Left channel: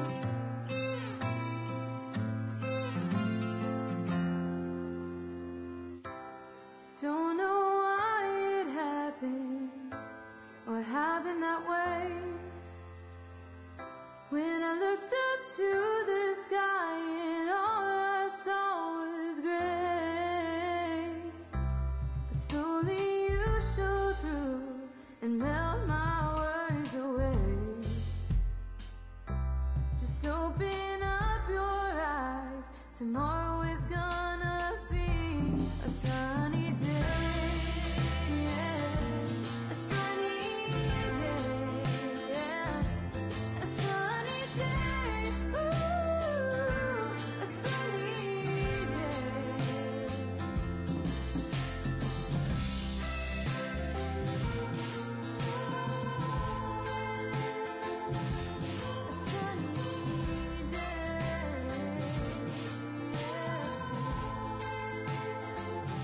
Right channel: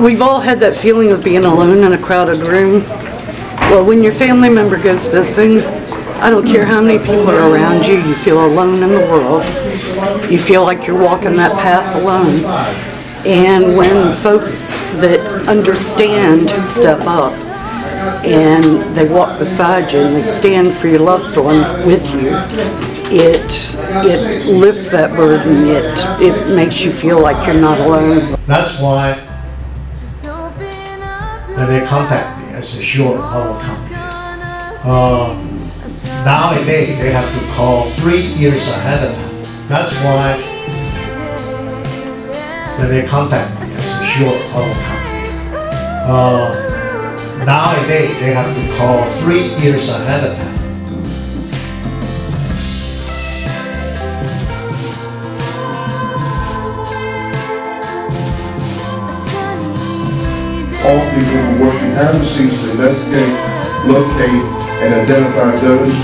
We've all had that feeling of being alone in a crowded room. Well, when your family member goes missing, I don't care how many people are around you, you feel alone in the world. You feel like you're walking that path alone. And when folks that understand step up and they walk beside you and they stand for your loved one with you, it lifts that burden. It makes you feel like you're not alone. That's why they contact me as a short our company. Nowadays they have to call 3 years ahead of time. That's why they contact me as a short our company. Nowadays they have to call 3 years ahead of time. All people who work behind the scenes to investigate, locate, and identify those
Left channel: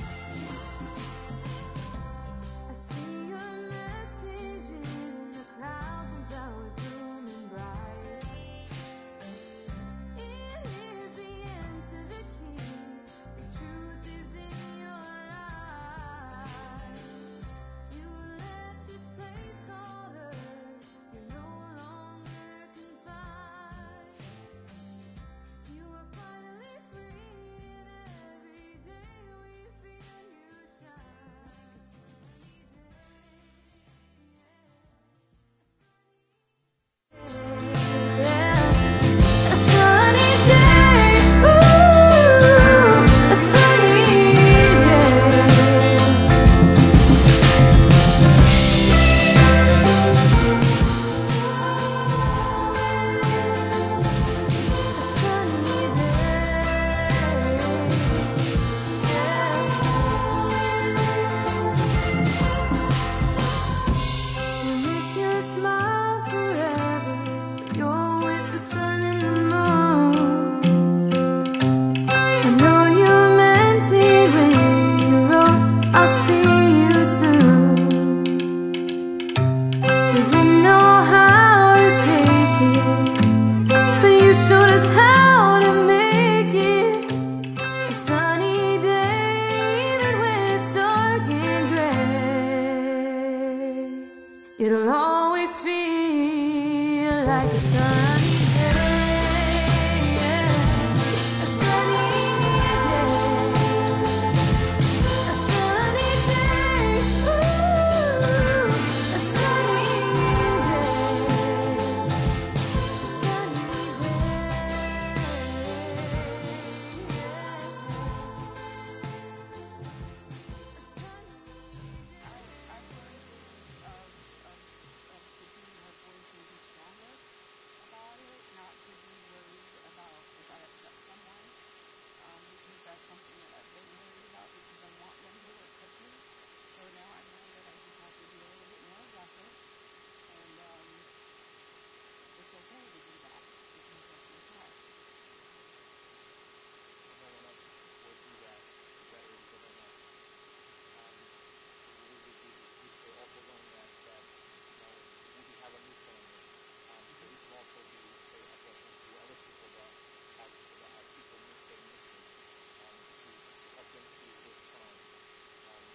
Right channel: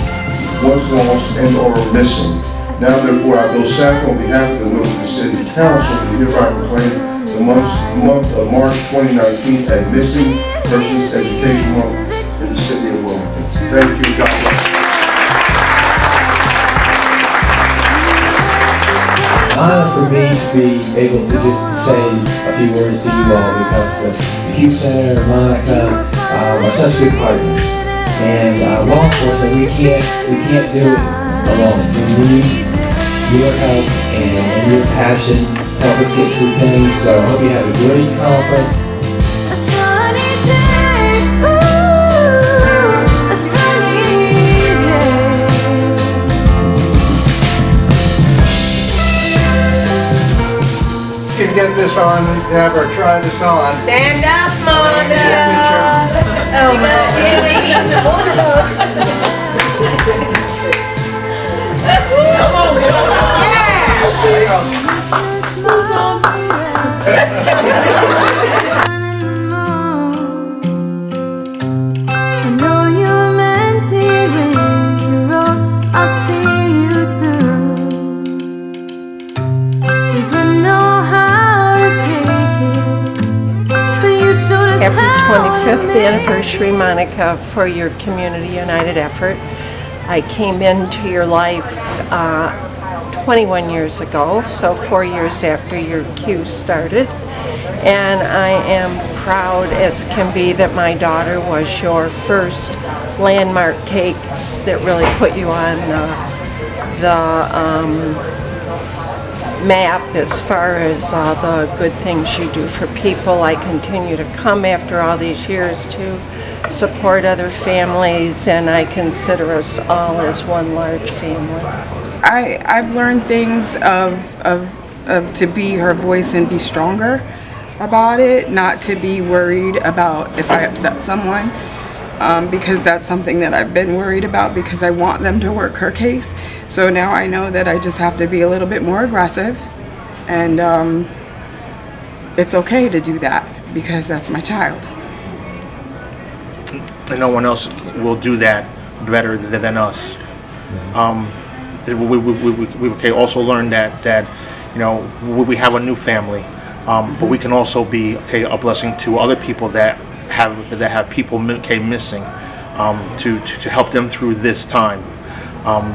once lost and or missing. Now therefore I, Bill Sapp, on behalf of the Wilmington City Council, do hereby proclaim the month of March 2019 a Missing Persons Education Month in the city of Wilmington. Thank you, God bless. An honor for me to be able to just say a few words to you all, because the Q Center, Monica, are such good partners. And law enforcement, we can't do it alone. We need your help and your passion to help us get through things. So I hope you have a great conference. A sunny day, ooh, a sunny day. Get this on, Deborah, try this on. Stand up, Monica. Oh, my. I know you meant it when you wrote, I'll see you soon. You didn't know how to take it, but you showed us how to Happy 25th make anniversary, it. Monica, for your Community United effort. I came into your life 21 years ago, so 4 years after your Q started. And I am proud as can be that my daughter was your first landmark cakes that really put you on the map as far as the good things you do for people. I continue to come after all these years to support other families, and I consider us all as one large family. I've learned things of to be her voice and be stronger about it, not to be worried about if I upset someone, because that's something that I've been worried about because I want them to work her case. So now I know that I just have to be a little bit more aggressive, and it's okay to do that because that's my child. And no one else will do that better than us. We also learned that you know, we have a new family, but we can also be a blessing to other people that have people missing, to help them through this time.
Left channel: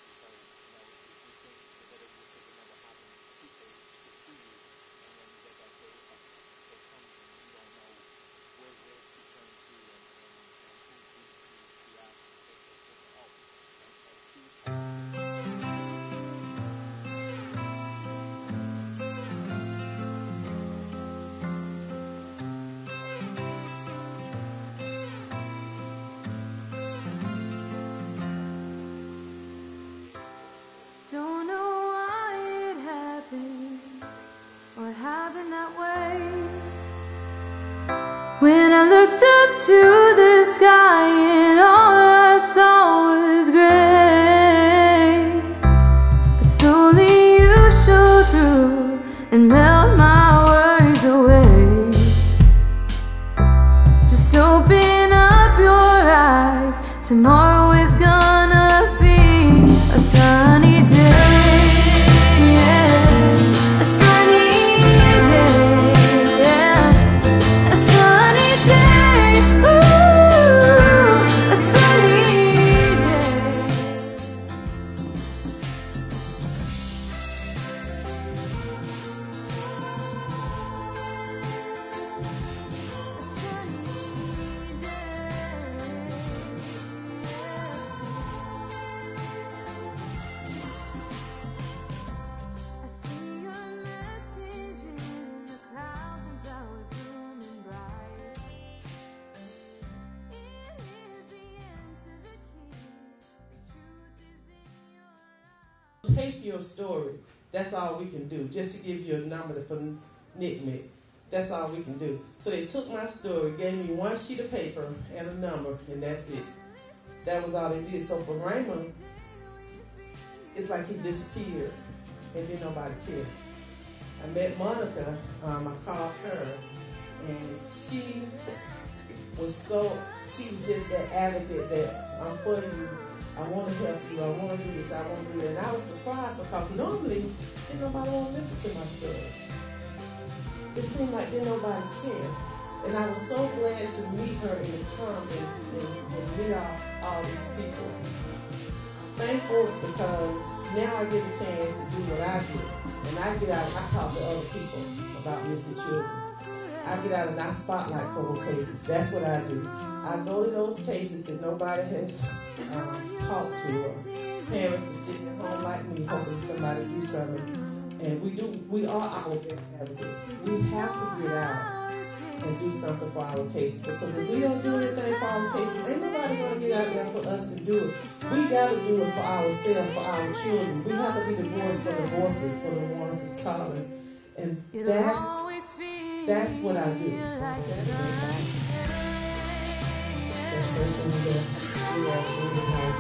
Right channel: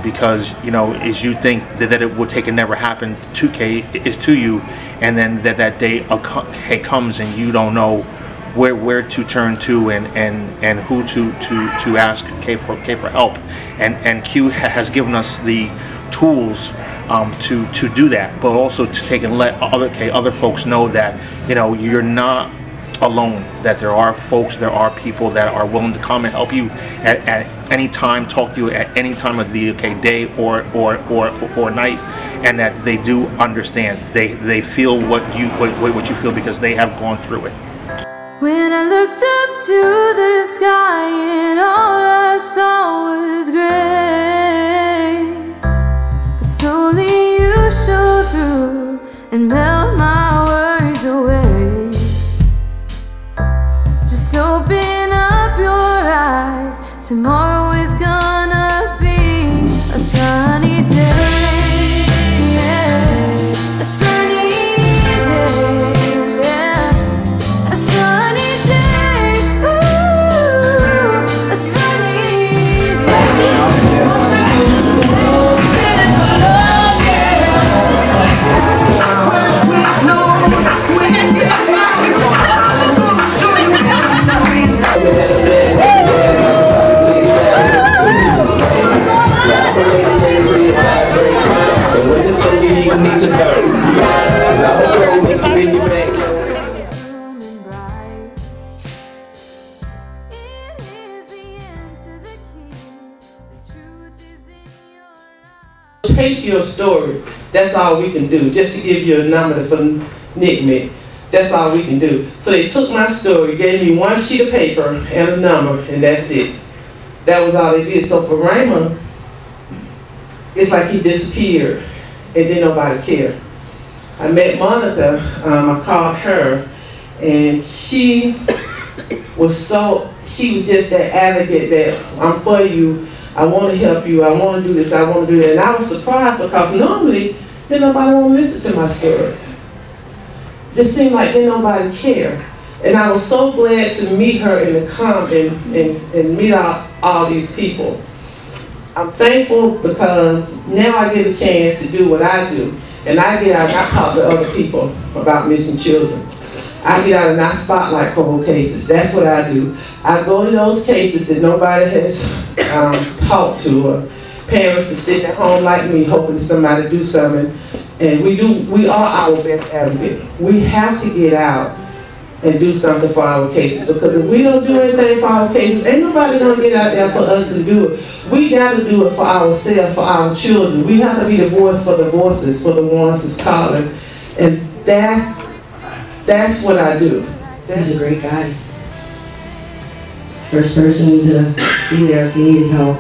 Because, you know, as you think that it would take and never happen to is to you, and then that day comes and you don't know where to turn to and who to ask for help, and Q has given us the tools to do that, but also to take and let other folks know that, you know, you're not alone, that there are folks, there are people that are willing to come and help you at any time, talk to you at any time of the day or night, and that they do understand. They feel what you feel because they have gone through it. When I looked up to the sky and all I saw was gray, but slowly you showed through and melt my worries away. Just open up your eyes, tomorrow is gonna be a sunny day, yeah, a sunny day, yeah, a sunny day. Take your story. That's all we can do. Just to give you a number for NCMEC. That's all we can do. So they took my story, gave me one sheet of paper and a number, and that's it. That was all they did. So for Raymond, it's like he disappeared, and then nobody cared. I met Monica, I called her, and she was just that advocate that I'm for you, I want to help you, I want to do this, I want to do that. And I was surprised because normally, then nobody want to listen to my story. It seemed like then nobody cared. And I was so glad to meet her in the comments and meet all these people. I'm thankful because now I get a chance to do what I do. And I get out and I talk to other people about missing children. I get out and I spotlight cold cases. That's what I do. I go to those cases that nobody has talked to, or parents that sit at home like me hoping somebody do something. And we are our best advocate. We have to get out and do something for our cases, because if we don't do anything for our cases, ain't nobody gonna get out there for us to do it. We gotta do it for ourselves, for our children. We have to be the voice for the voices, for the ones that's calling. And that's what I do. He's a great guy. First person to be there if you need help.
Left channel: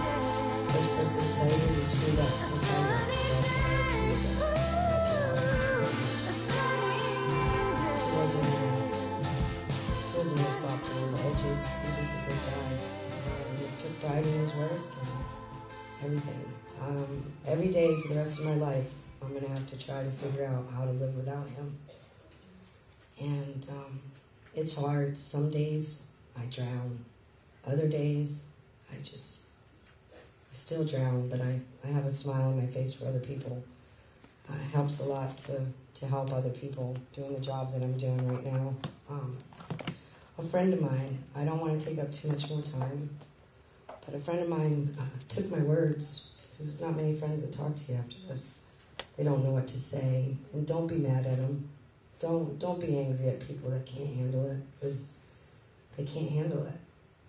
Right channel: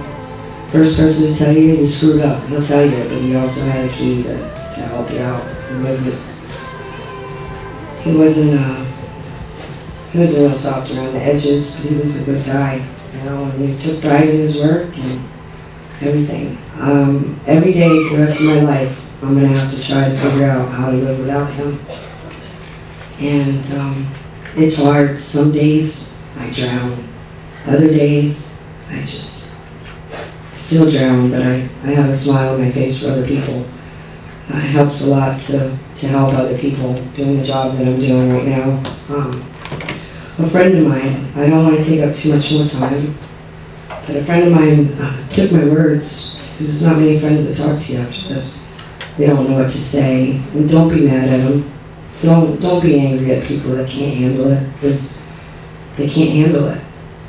First person to tell you you screwed up. He'll tell you, but he also had a key to help you out. He wasn't a little soft around the edges. He was a good guy, you know, and he took pride in his work and everything. Every day for the rest of my life, I'm going to have to try to figure out how to live without him. And it's hard. Some days I drown. Other days I just still drown, but I have a smile on my face for other people. It helps a lot to help other people doing the job that I'm doing right now. A friend of mine, I don't want to take up too much more time, but a friend of mine took my words, because there's not many friends that talk to you after this. They don't know what to say, and don't be mad at them. Don't be angry at people that can't handle it, because they can't handle it.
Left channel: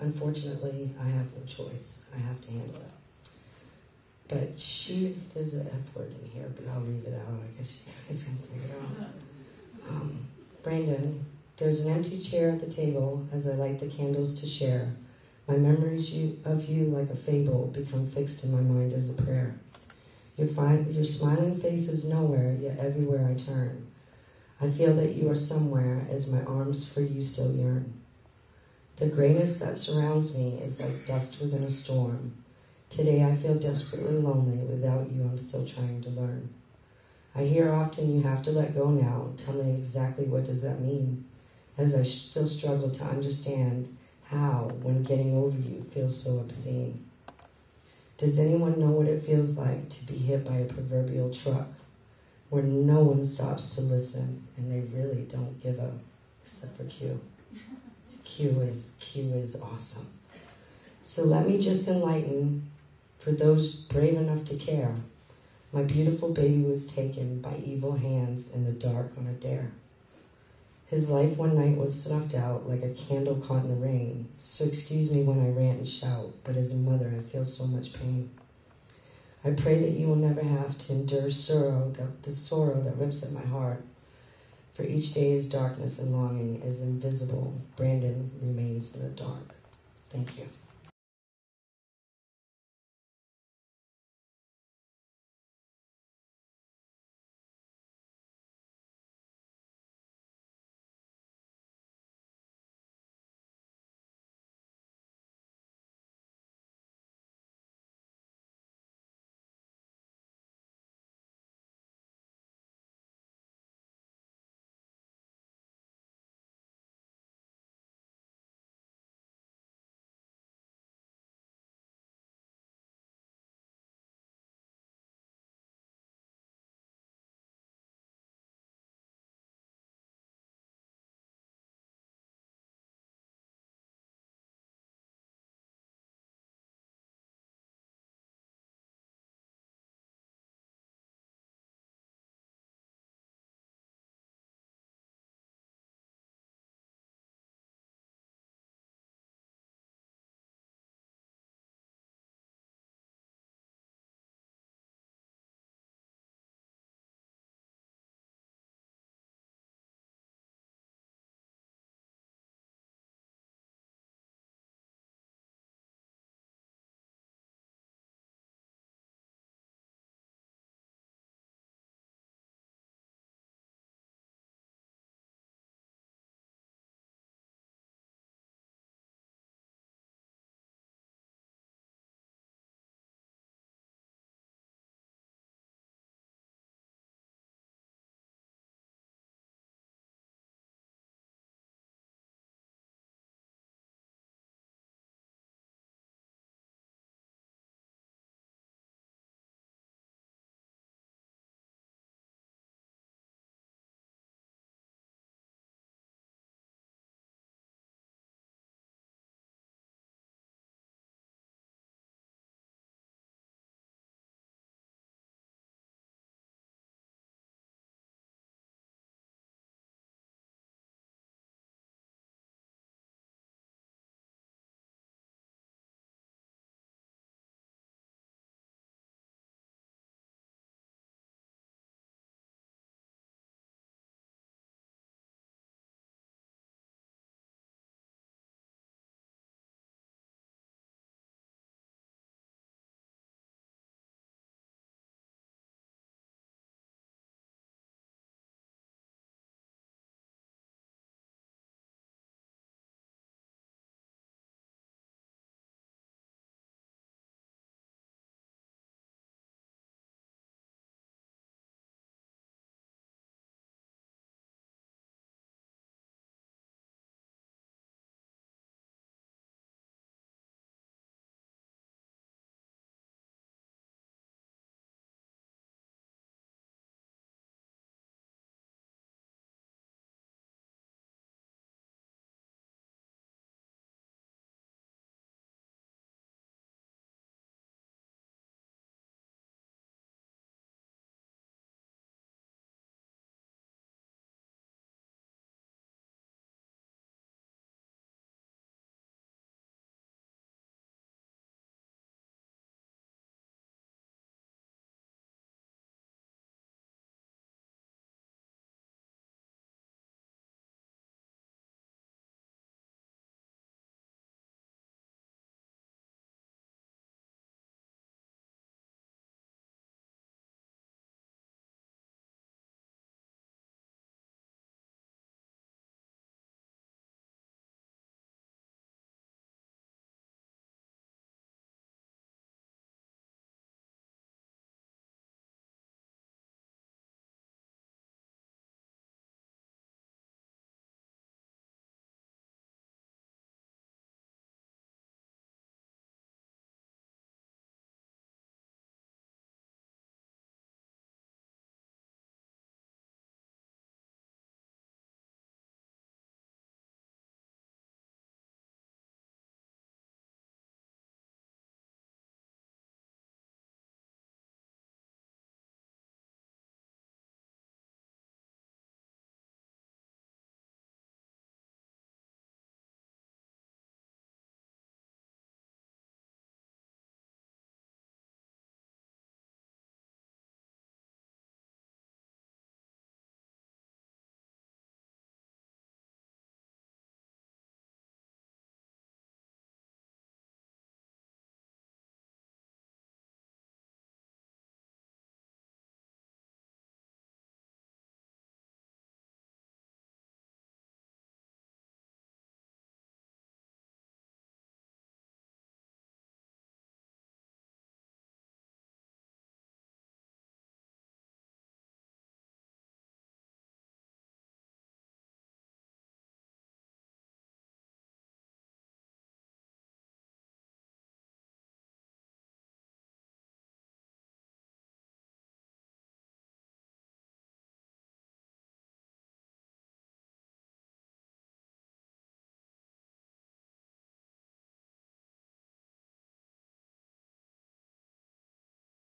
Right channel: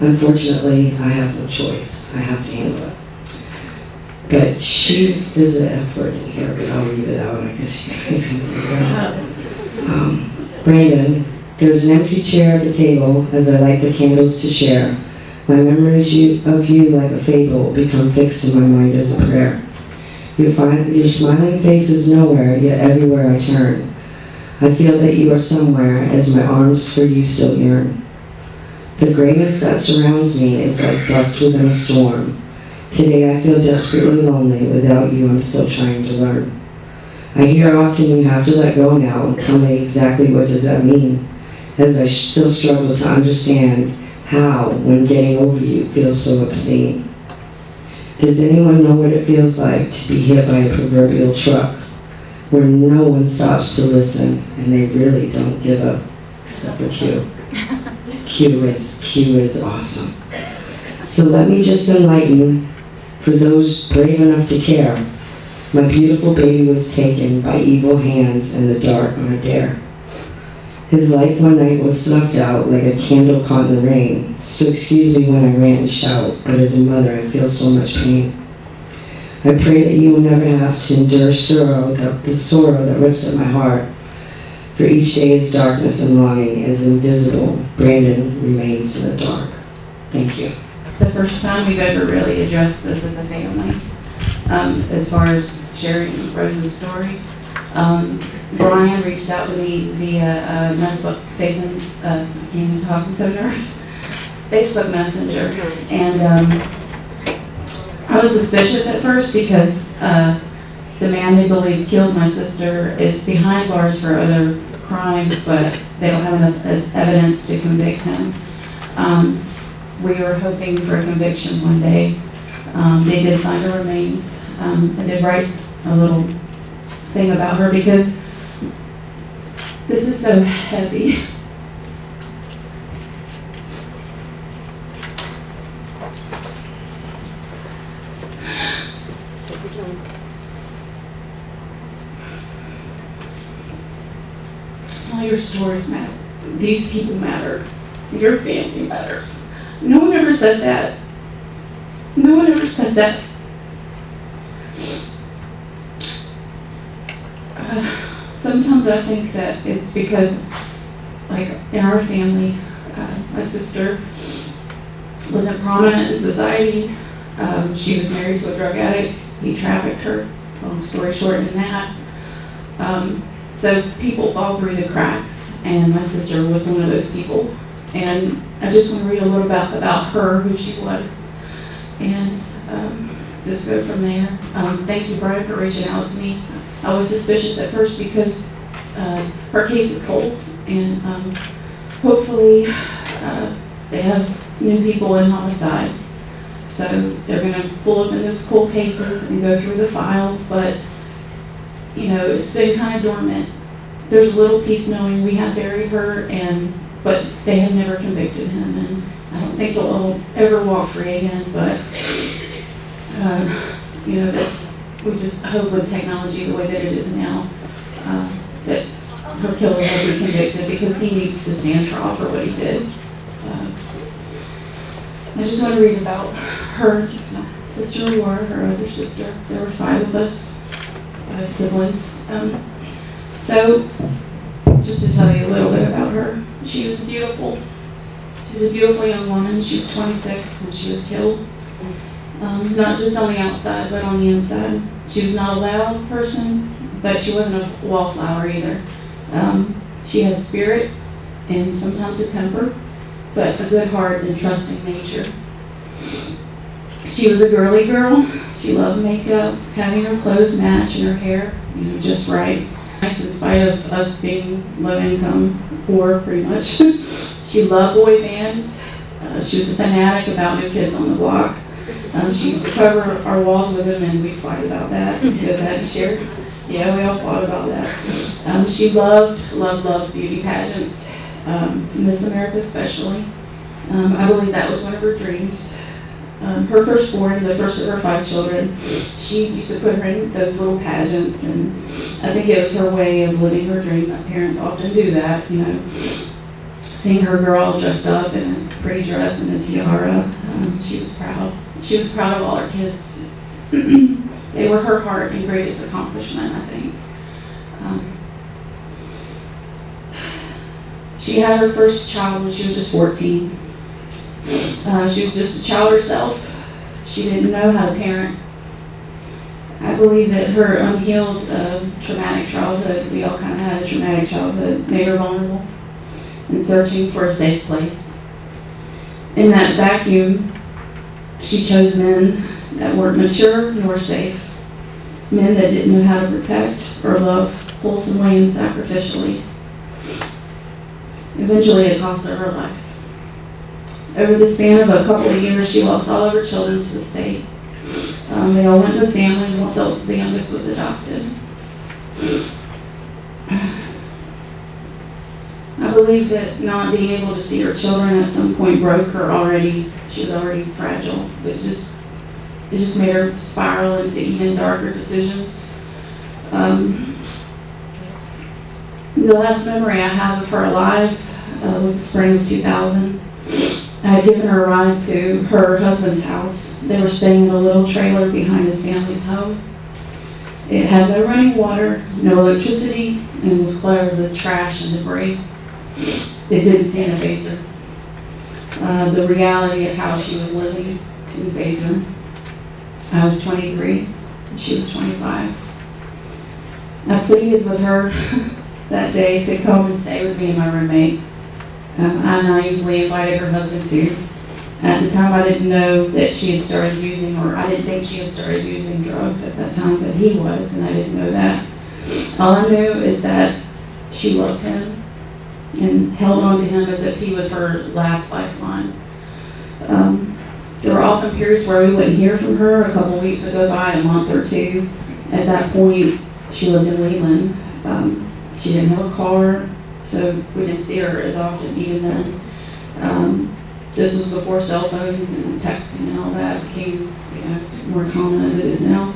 Unfortunately, I have no choice. I have to handle it. But there's an F word in here, but I'll leave it out. I guess you guys can figure it out. Brandon, there's an empty chair at the table as I light the candles to share. My memories of you like a fable become fixed in my mind as a prayer. Your smiling face is nowhere, yet everywhere I turn. I feel that you are somewhere as my arms for you still yearn. The grayness that surrounds me is like dust within a storm. Today I feel desperately lonely. Without you, I'm still trying to learn. I hear often you have to let go now. Tell me exactly what does that mean? As I still struggle to understand how, when getting over you, feels so obscene. Does anyone know what it feels like to be hit by a proverbial truck, where no one stops to listen and they really don't give up, except for Q. Q is awesome. So let me just enlighten for those brave enough to care. My beautiful baby was taken by evil hands in the dark on a dare. His life one night was snuffed out like a candle caught in the rain. So excuse me when I rant and shout, but as a mother I feel so much pain. I pray that you will never have to endure the sorrow that rips at my heart. For each day is darkness and longing, as invisible Brandon remains in the dark. Thank you. The first time we've ever really addressed this as a family, as far as sharing Rose's story. Brian reached out to me via Facebook Messenger, and I was suspicious at first because the man they believe killed my sister is behind bars for other crimes, but they don't have enough evidence to convict him. We were hoping for a conviction one day. They did find her remains. I did write a little thing about her because this is so heavy. All your stories matter. These people matter. Your family matters. No one ever said that. No one ever said that. sometimes I think that it's because, like in our family, my sister wasn't prominent in society. She was married to a drug addict. He trafficked her. Long story short than that. So people fall through the cracks, and my sister was one of those people. And I just want to read a little about her, who she was, and just go from there. Thank you, Brian, for reaching out to me. I was suspicious at first because her case is cold, and hopefully they have new people in homicide. So they're going to pull up in those cold cases and go through the files, but you know, it's been kind of dormant. There's a little piece knowing we have buried her, but they have never convicted him, and I don't think he'll ever walk free again, but you know, we just hope with technology the way that it is now, that her killer will be convicted, because he needs to stand trial for what he did. I just want to read about her, my sister Laura, her other sister. There were 5 of us, 5 siblings. So, just to tell you a little bit about her, she was beautiful. She was a beautiful young woman. She was 26 when she was killed. Not just on the outside, but on the inside. She was not a loud person, but she wasn't a wallflower either. She had spirit and sometimes a temper, but a good heart and trusting nature. She was a girly girl. She loved makeup, having her clothes match and her hair, you know, just right. In spite of us being low income, poor pretty much. She loved boy bands. She was a fanatic about New Kids on the Block. She used to cover our walls with them, and we'd fight about that because I had to share. Yeah, we all fought about that. She loved beauty pageants, Miss America especially. I believe that was one of her dreams. Her firstborn, the first of her 5 children, she used to put her in those little pageants, and I think it was her way of living her dream. My parents often do that, you know. Seeing her girl all dressed up in a pretty dress and a tiara, she was proud. She was proud of all her kids. They were her heart and greatest accomplishment, I think. She had her first child when she was just 14. She was just a child herself. She didn't know how to parent. I believe that her unhealed traumatic childhood, we all kind of had a traumatic childhood, made her vulnerable and searching for a safe place. In that vacuum, she chose men that weren't mature nor safe, men that didn't know how to protect or love wholesomely and sacrificially. Eventually, it cost her her life. Over the span of a couple of years, she lost all of her children to the state. They all went to a family, the youngest was adopted. I believe that not being able to see her children at some point broke her already. She was already fragile. It just made her spiral into even darker decisions. The last memory I have of her alive was the spring of 2000. I had given her a ride to her husband's house. They were staying in a little trailer behind his family's home. It had no running water, no electricity, and was cluttered with trash and debris. It didn't sanitize her. The reality of how she was living didn't faze her. I was 23, and she was 25. I pleaded with her that day to come and stay with me and my roommate. I naively invited her husband too. At the time, I didn't know that she had started using, or I didn't think she had started using drugs at that time, but he was, and I didn't know that. All I knew is that she loved him and held on to him as if he was her last lifeline. There were often periods where we wouldn't hear from her. A couple of weeks would go by, a month or two. At that point, she lived in Leland. She didn't have a car, so we didn't see her as often even then. This was before cell phones and texting and all that became, more common as it is now.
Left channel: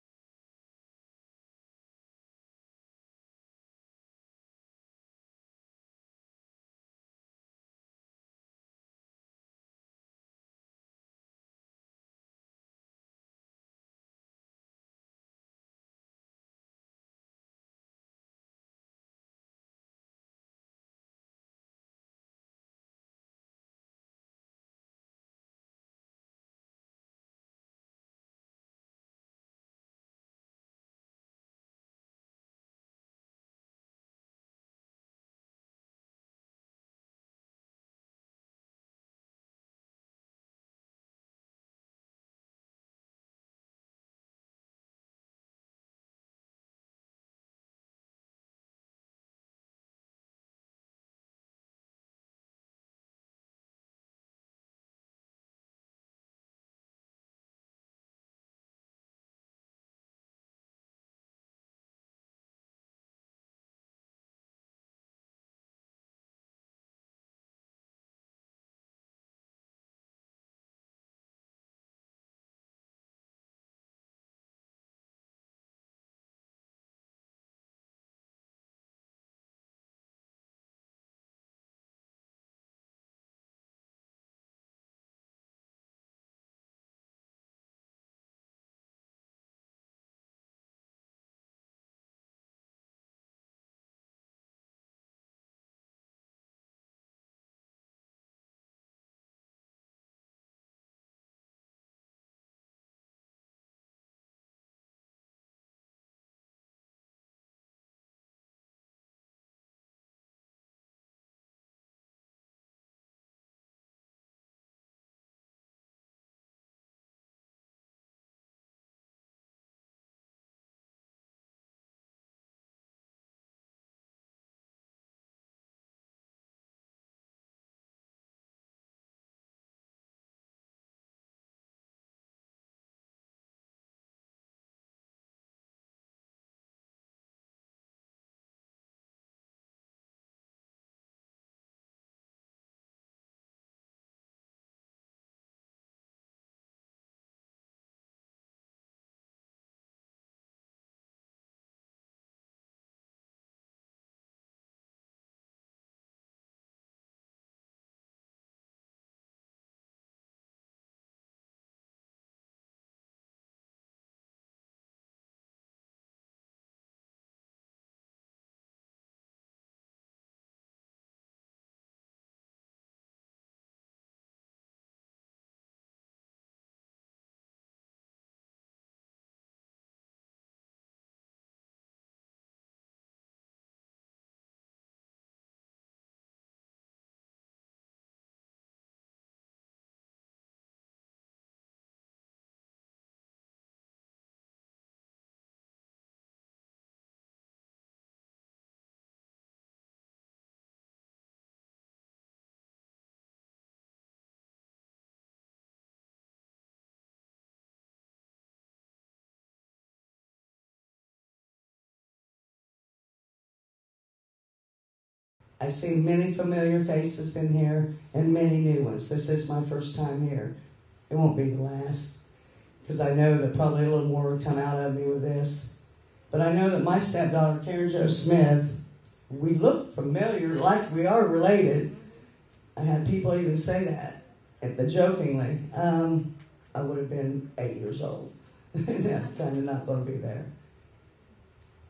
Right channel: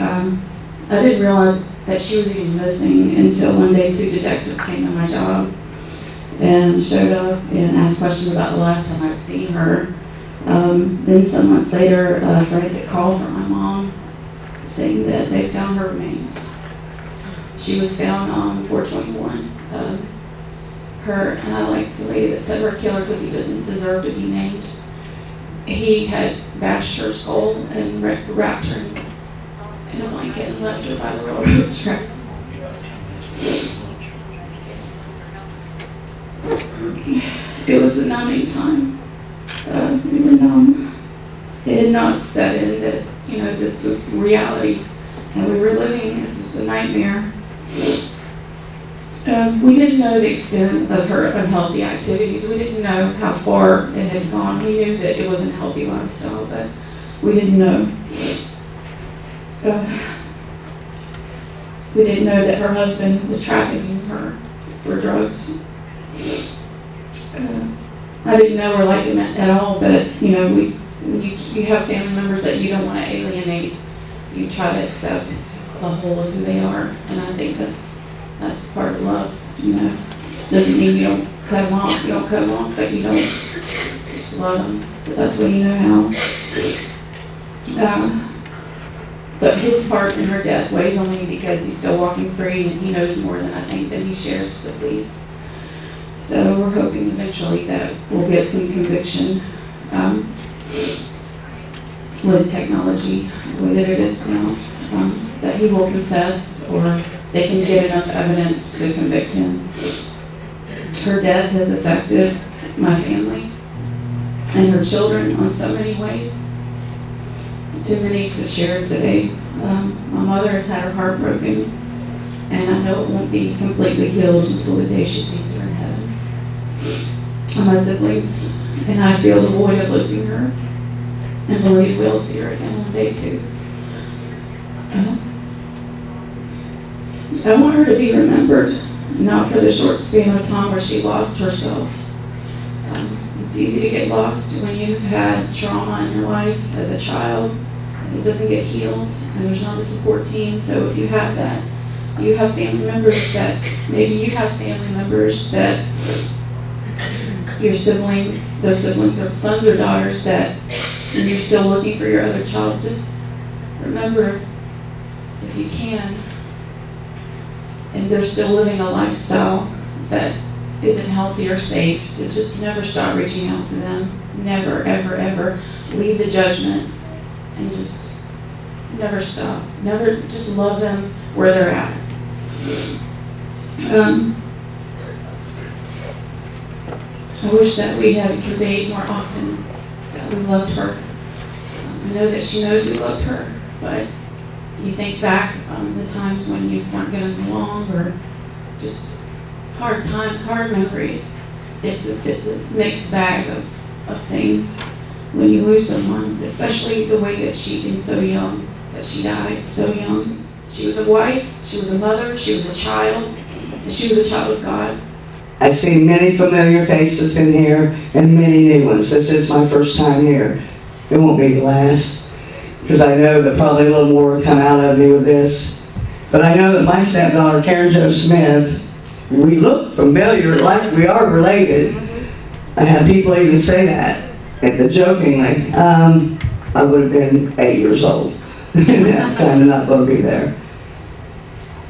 I didn't realize that she was even missing until one day 2 detectives came to my job and showed up and asked questions about the last time I'd seen her. Then some months later, a frantic call from my mom saying that they found her remains. She was found on 421. Her, and I like the lady that said her killer because he doesn't deserve to be named. He had bashed her skull and wrapped her in a blanket and left her by the railroad tracks. It was a numbing time. We were numb. It had not set in that, you know, this was reality. And we were living, this is a nightmare. We didn't know the extent of her unhealthy activities. We didn't know how far it had gone. We knew that it wasn't a healthy lifestyle, but we didn't know. We didn't know that her husband was trafficking her for drugs. I didn't know her like him at all, but you know, when you have family members that you don't want to alienate, you try to accept the whole of who they are, and I think that's part of love. You know, doesn't mean you don't cut them off. You don't cut them off, but you don't just love them. But that's when you know how. But his part in her death weighs on me because he's still walking free, and he knows more than I think that he shares with the police. So we're hoping eventually that we'll get some conviction with technology, the way that it is now, that he will confess or they can get enough evidence to convict him. Her death has affected my family and her children on so many ways. Too many to share today. My mother has had her heart broken, and I know it won't be completely healed until the day she sees her in heaven. And my siblings and I feel the void of losing her, and believe we'll see her again one day too. I want her to be remembered, not for the short span of time where she lost herself. It's easy to get lost when you've had trauma in your life as a child, and it doesn't get healed, and there's not a support team. So if you have that, you have family members that, maybe you have family members that your siblings, those siblings are sons or daughters that, and you're still looking for your other child, just remember, if you can, and they're still living a lifestyle that isn't healthy or safe, to just never stop reaching out to them. Never, ever, ever leave the judgment, and just never stop. Never, just love them where they're at. I wish that we had conveyed more often that we loved her. I know that she knows we loved her, but you think back on the times when you weren't getting along, or just hard times, hard memories. It's a mixed bag of things when you lose someone, especially the way that she'd been so young, that she died so young. She was a wife, she was a mother, she was a child, and she was a child of God. I see many familiar faces in here and many new ones. This is my first time here. It won't be the last, because I know that probably a little more will come out of me with this. But I know that my stepdaughter, Karen Jo Smith, we look familiar, like we are related. I had people even say that, jokingly. I would have been 8 years old. I'm kind of not going to be there.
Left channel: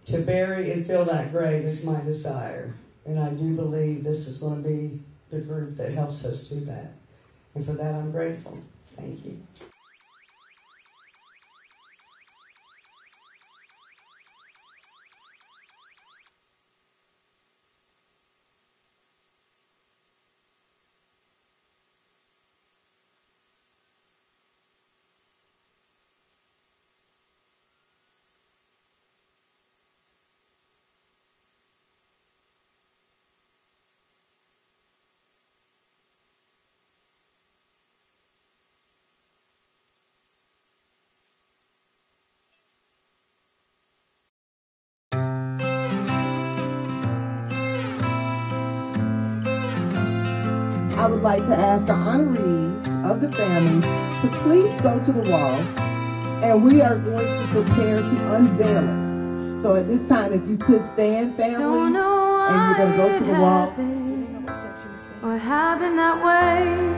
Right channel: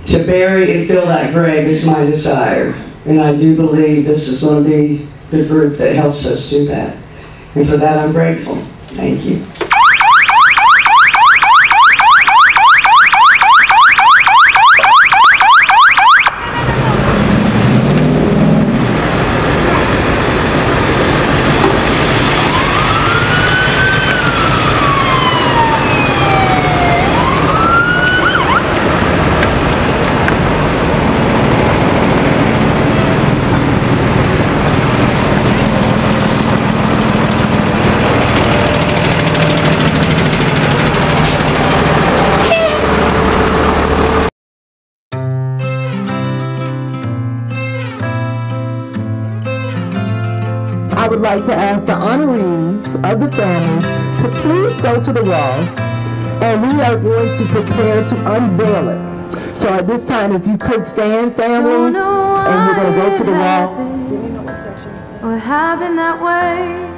To bury and fill that grave is my desire. And I do believe this is going to be the group that helps us do that. And for that, I'm grateful. Thank you. I would like to ask the honorees of the family to please go to the wall, and we are going to prepare to unveil it. So at this time, if you could stand, family, and we're going to go to the wall. What happened that way?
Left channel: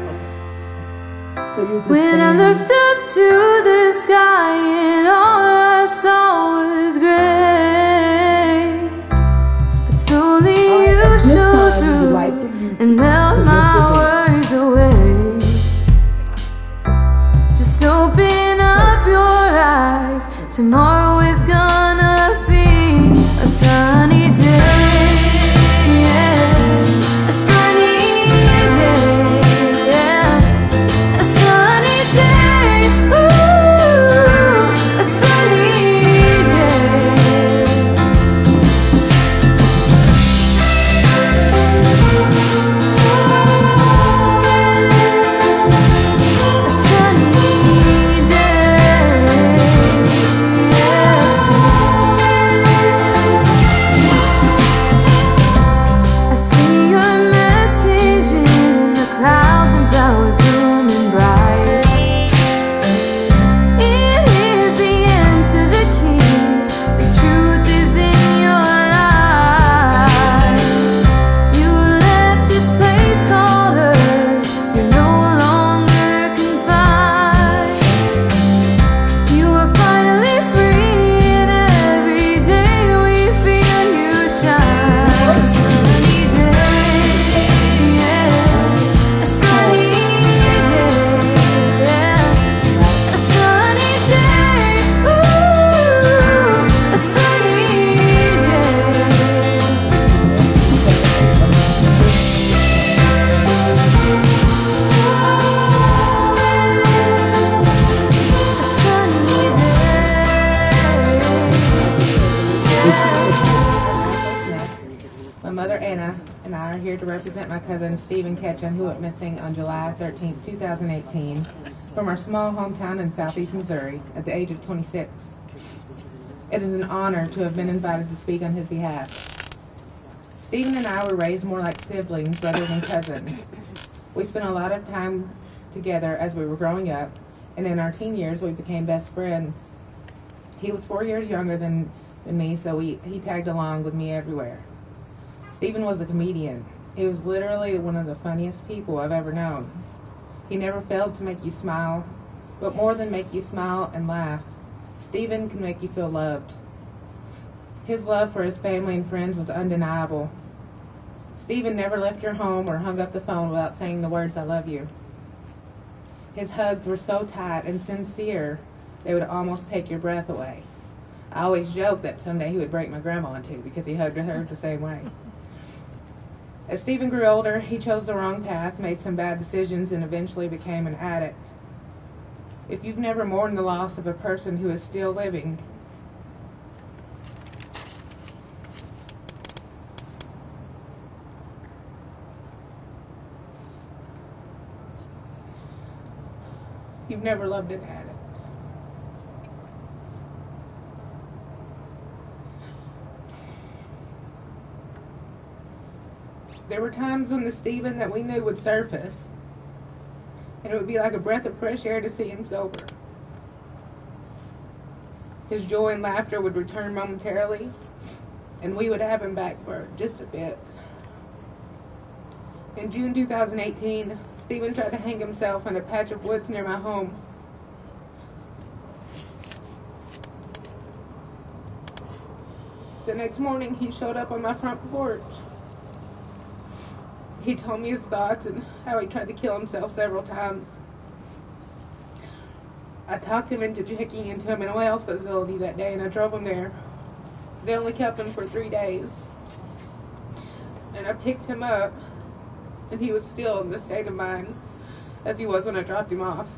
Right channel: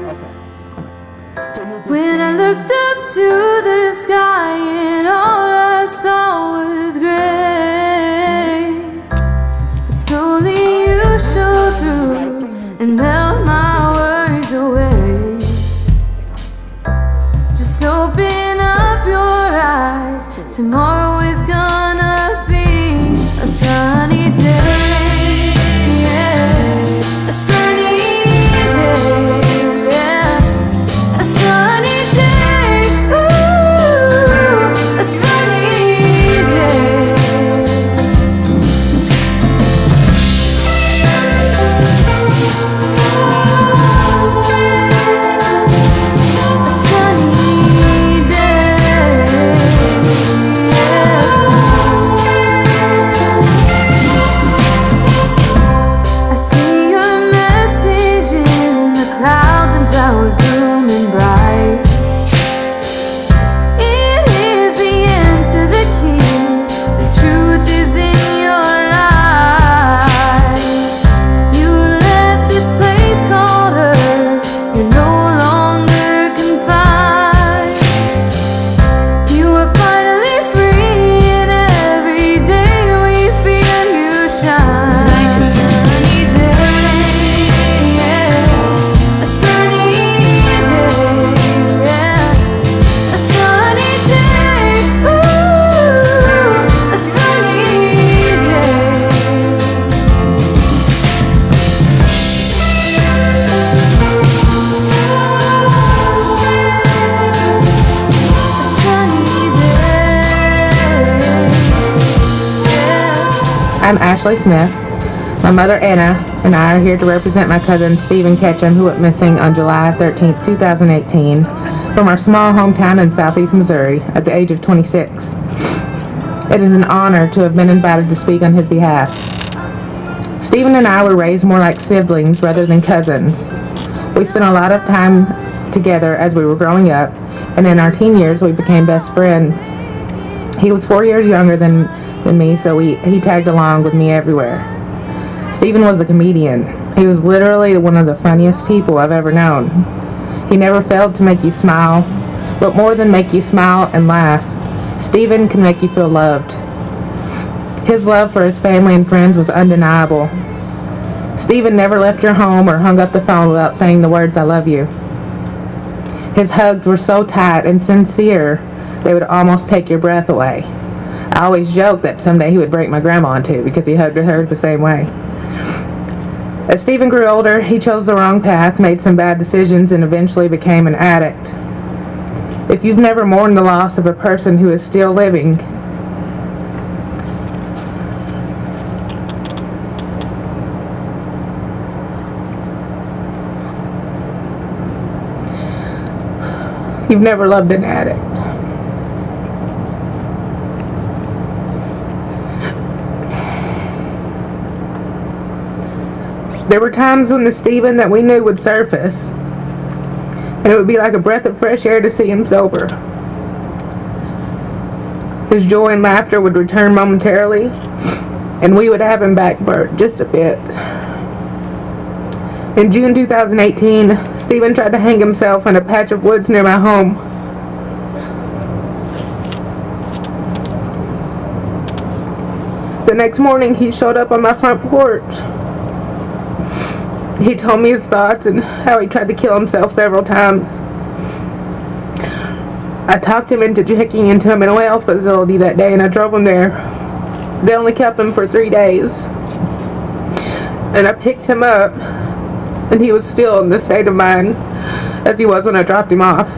When I looked up to the sky and all I saw was gray. Ashley Smith. My mother, Anna, and I are here to represent my cousin, Stephen Ketchum, who went missing on July 13, 2018, from our small hometown in southeast Missouri at the age of 26. It is an honor to have been invited to speak on his behalf. Stephen and I were raised more like siblings rather than cousins. We spent a lot of time together as we were growing up, and in our teen years we became best friends. He was 4 years younger than me, so he tagged along with me everywhere. Stephen was a comedian. He was literally one of the funniest people I've ever known. He never failed to make you smile, but more than make you smile and laugh, Stephen can make you feel loved. His love for his family and friends was undeniable. Stephen never left your home or hung up the phone without saying the words, "I love you." His hugs were so tight and sincere, they would almost take your breath away. I always joked that someday he would break my grandma in two because he hugged her the same way. As Stephen grew older, he chose the wrong path, made some bad decisions, and eventually became an addict. If you've never mourned the loss of a person who is still living, you've never loved an addict. There were times when the Stephen that we knew would surface, and it would be like a breath of fresh air to see him sober. His joy and laughter would return momentarily, and we would have him back for just a bit. In June 2018, Stephen tried to hang himself in a patch of woods near my home. The next morning, he showed up on my front porch. He told me his thoughts and how he tried to kill himself several times. I talked him into checking into a mental health facility that day, and I drove him there. They only kept him for 3 days. And I picked him up, and he was still in the state of mind as he was when I dropped him off.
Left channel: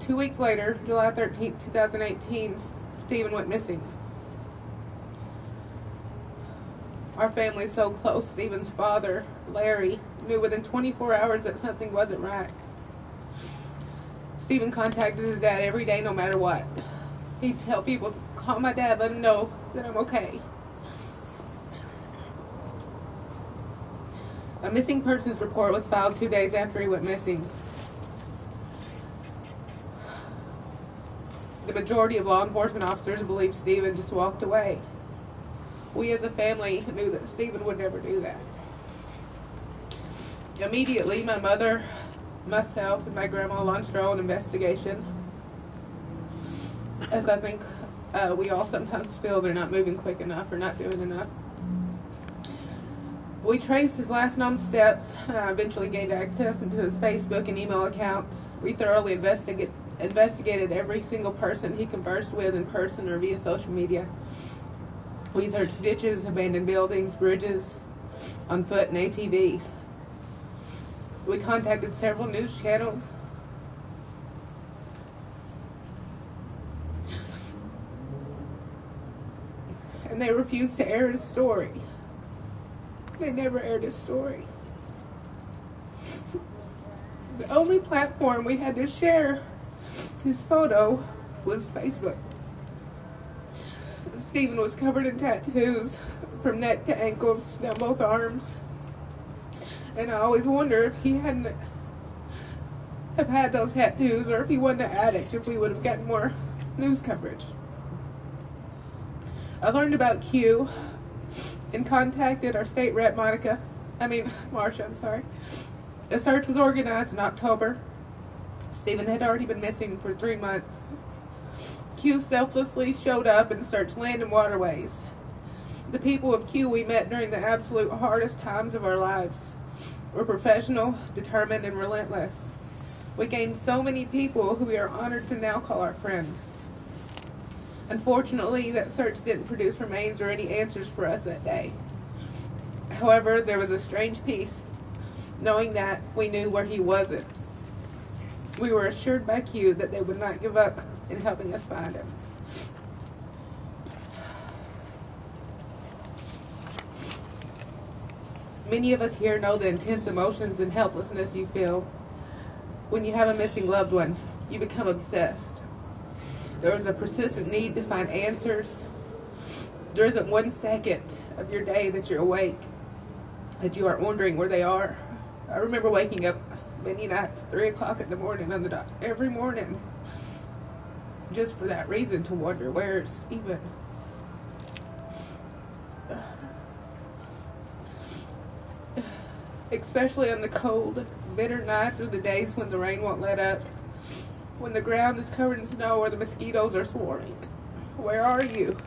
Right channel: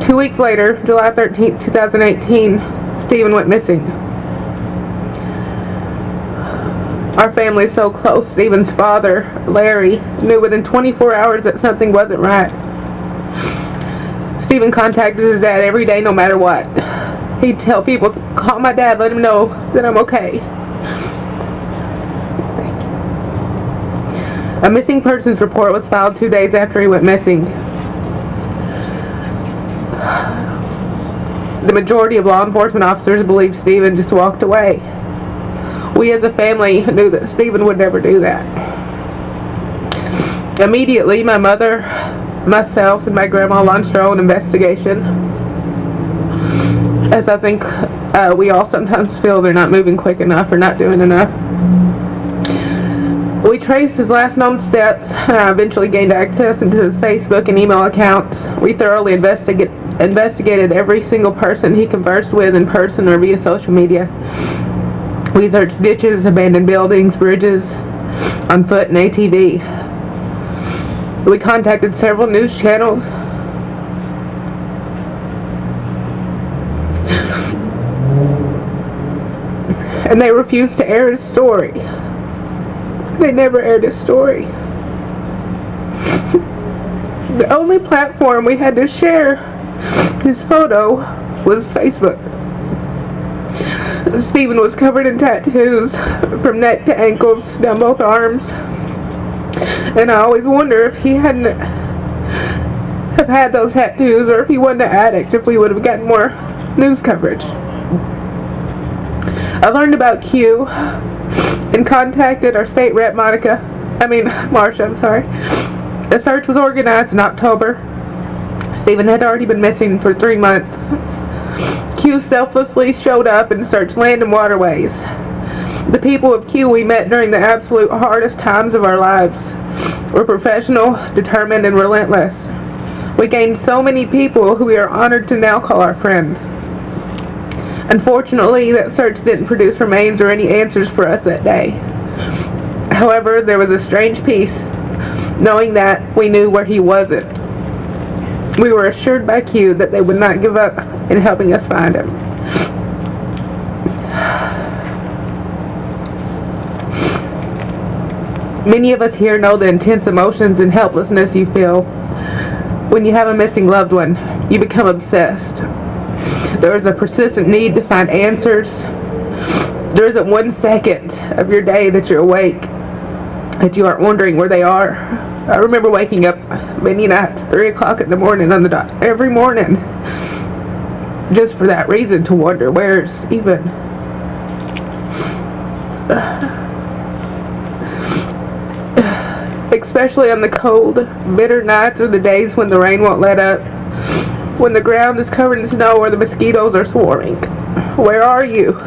Two weeks later, July 13th, 2018, Stephen went missing. Our family is so close. Stephen's father, Larry, knew within 24 hours that something wasn't right. Stephen contacted his dad every day, no matter what. He'd tell people, "Call my dad, let him know that I'm okay." A missing persons report was filed 2 days after he went missing. The majority of law enforcement officers believe Stephen just walked away. We as a family knew that Stephen would never do that. Immediately, my mother, myself, and my grandma launched our own investigation, as I think we all sometimes feel they're not moving quick enough or not doing enough. We traced his last known steps, eventually gained access into his Facebook and email accounts. We thoroughly investigated every single person he conversed with in person or via social media. We searched ditches, abandoned buildings, bridges, on foot, and ATV. We contacted several news channels. And they refused to air his story. They never aired his story. The only platform we had to share his photo was Facebook. Stephen was covered in tattoos from neck to ankles, down both arms. And I always wonder if he hadn't have had those tattoos, or if he wasn't an addict, if we would have gotten more news coverage. I learned about Q and contacted our state rep, Marsha, I'm sorry. The search was organized in October. Stephen had already been missing for 3 months. Q selflessly showed up and searched land and waterways. The people of Q we met during the absolute hardest times of our lives were professional, determined, and relentless. We gained so many people who we are honored to now call our friends. Unfortunately, that search didn't produce remains or any answers for us that day. However, there was a strange peace, knowing that we knew where he wasn't. We were assured by Q that they would not give up in helping us find him. Many of us here know the intense emotions and helplessness you feel when you have a missing loved one. You become obsessed. There is a persistent need to find answers. There isn't 1 second of your day that you're awake that you aren't wondering where they are. I remember waking up many nights, 3 o'clock in the morning on the dot, every morning, just for that reason, to wonder, where's Stephen? Especially on the cold, bitter nights or the days when the rain won't let up, when the ground is covered in snow or the mosquitoes are swarming. Where are you?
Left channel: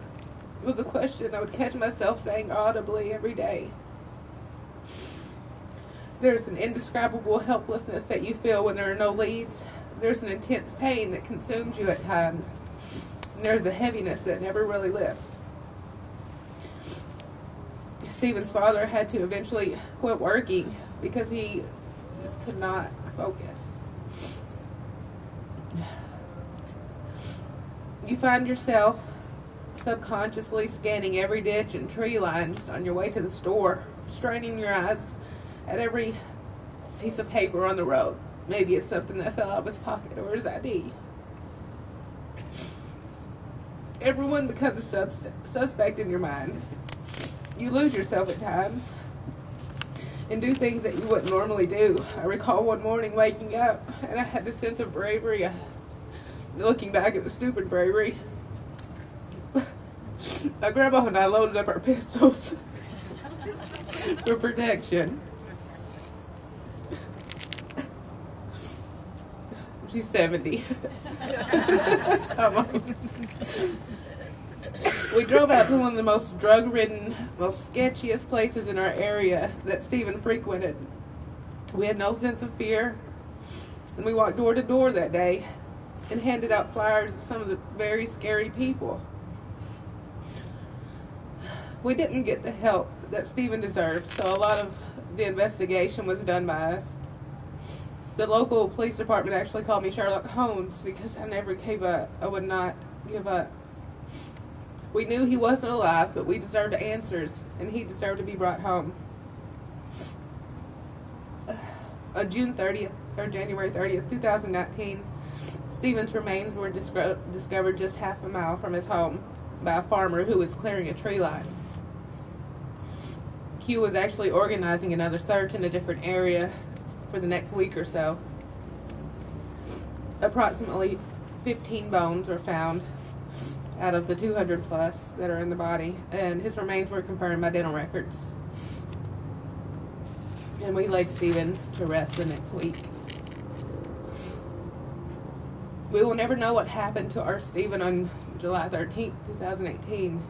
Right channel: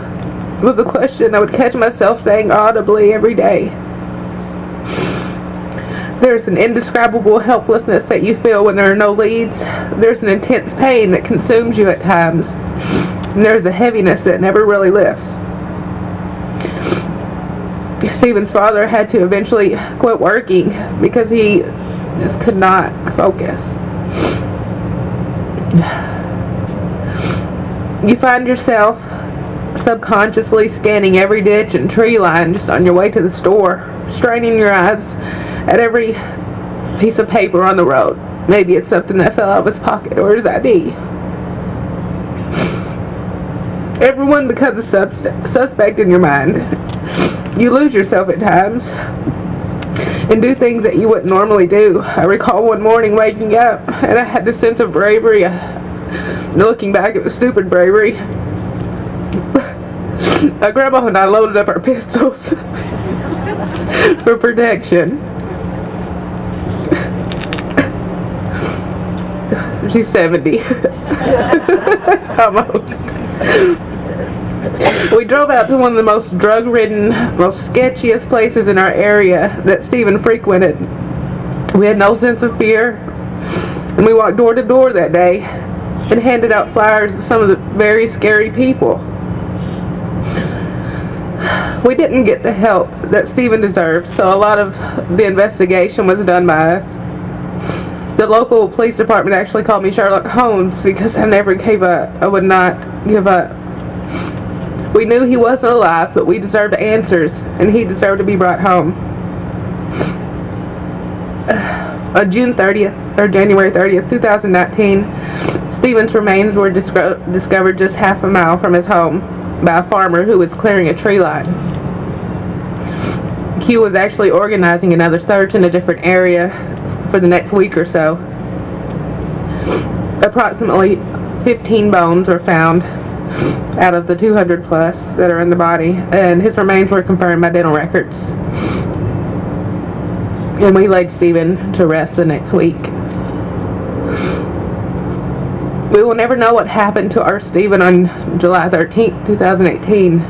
It was a question I would catch myself saying audibly every day. There's an indescribable helplessness that you feel when there are no leads. There's an intense pain that consumes you at times. And there's a heaviness that never really lifts. Stephen's father had to eventually quit working because he just could not focus. You find yourself subconsciously scanning every ditch and tree line just on your way to the store, straining your eyes at every piece of paper on the road. Maybe it's something that fell out of his pocket or his ID. Everyone becomes a suspect in your mind. You lose yourself at times and do things that you wouldn't normally do. I recall one morning waking up and I had this sense of bravery. Looking back, it was stupid bravery. Grandma and I loaded up our pistols for protection. She's 70. Almost. We drove out to one of the most drug-ridden, most sketchiest places in our area that Stephen frequented. We had no sense of fear, and we walked door to door that day and handed out flyers to some of the very scary people. We didn't get the help that Stephen deserved, so a lot of the investigation was done by us. The local police department actually called me Sherlock Holmes because I never gave up. I would not give up. We knew he wasn't alive, but we deserved answers, and he deserved to be brought home. On June 30th, or January 30th, 2019, Stephen's remains were discovered just half a mile from his home by a farmer who was clearing a tree line. Q was actually organizing another search in a different area for the next week or so. Approximately 15 bones were found out of the 200 plus that are in the body, and his remains were confirmed by dental records. And we laid Stephen to rest the next week. We will never know what happened to our Stephen on July 13th, 2018.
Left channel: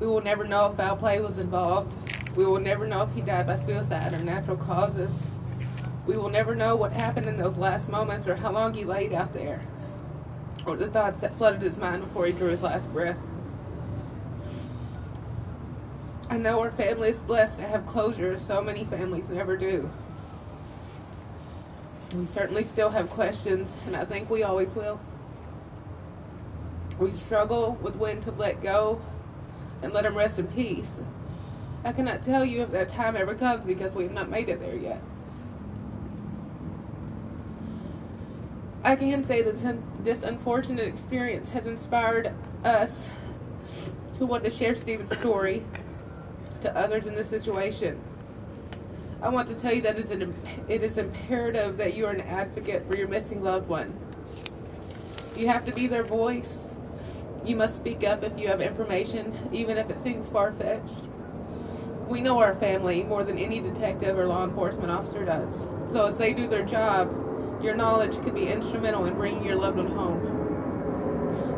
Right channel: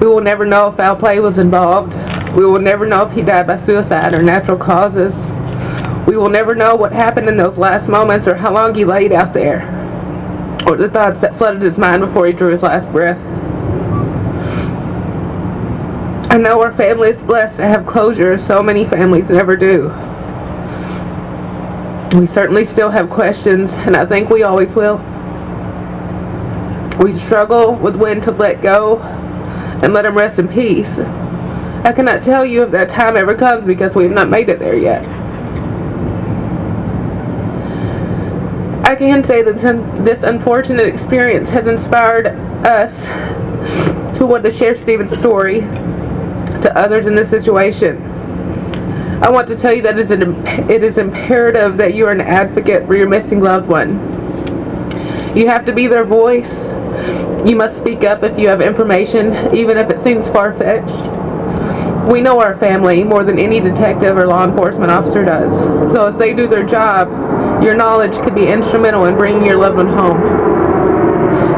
We will never know if foul play was involved. We will never know if he died by suicide or natural causes. We will never know what happened in those last moments or how long he laid out there, or the thoughts that flooded his mind before he drew his last breath. I know our family is blessed to have closure, as so many families never do. We certainly still have questions, and I think we always will. We struggle with when to let go and let him rest in peace. I cannot tell you if that time ever comes because we have not made it there yet. I can say that this unfortunate experience has inspired us to want to share Stephen's story to others in this situation. I want to tell you that it is imperative that you are an advocate for your missing loved one. You have to be their voice. You must speak up if you have information, even if it seems far-fetched. We know our family more than any detective or law enforcement officer does. So as they do their job, your knowledge could be instrumental in bringing your loved one home.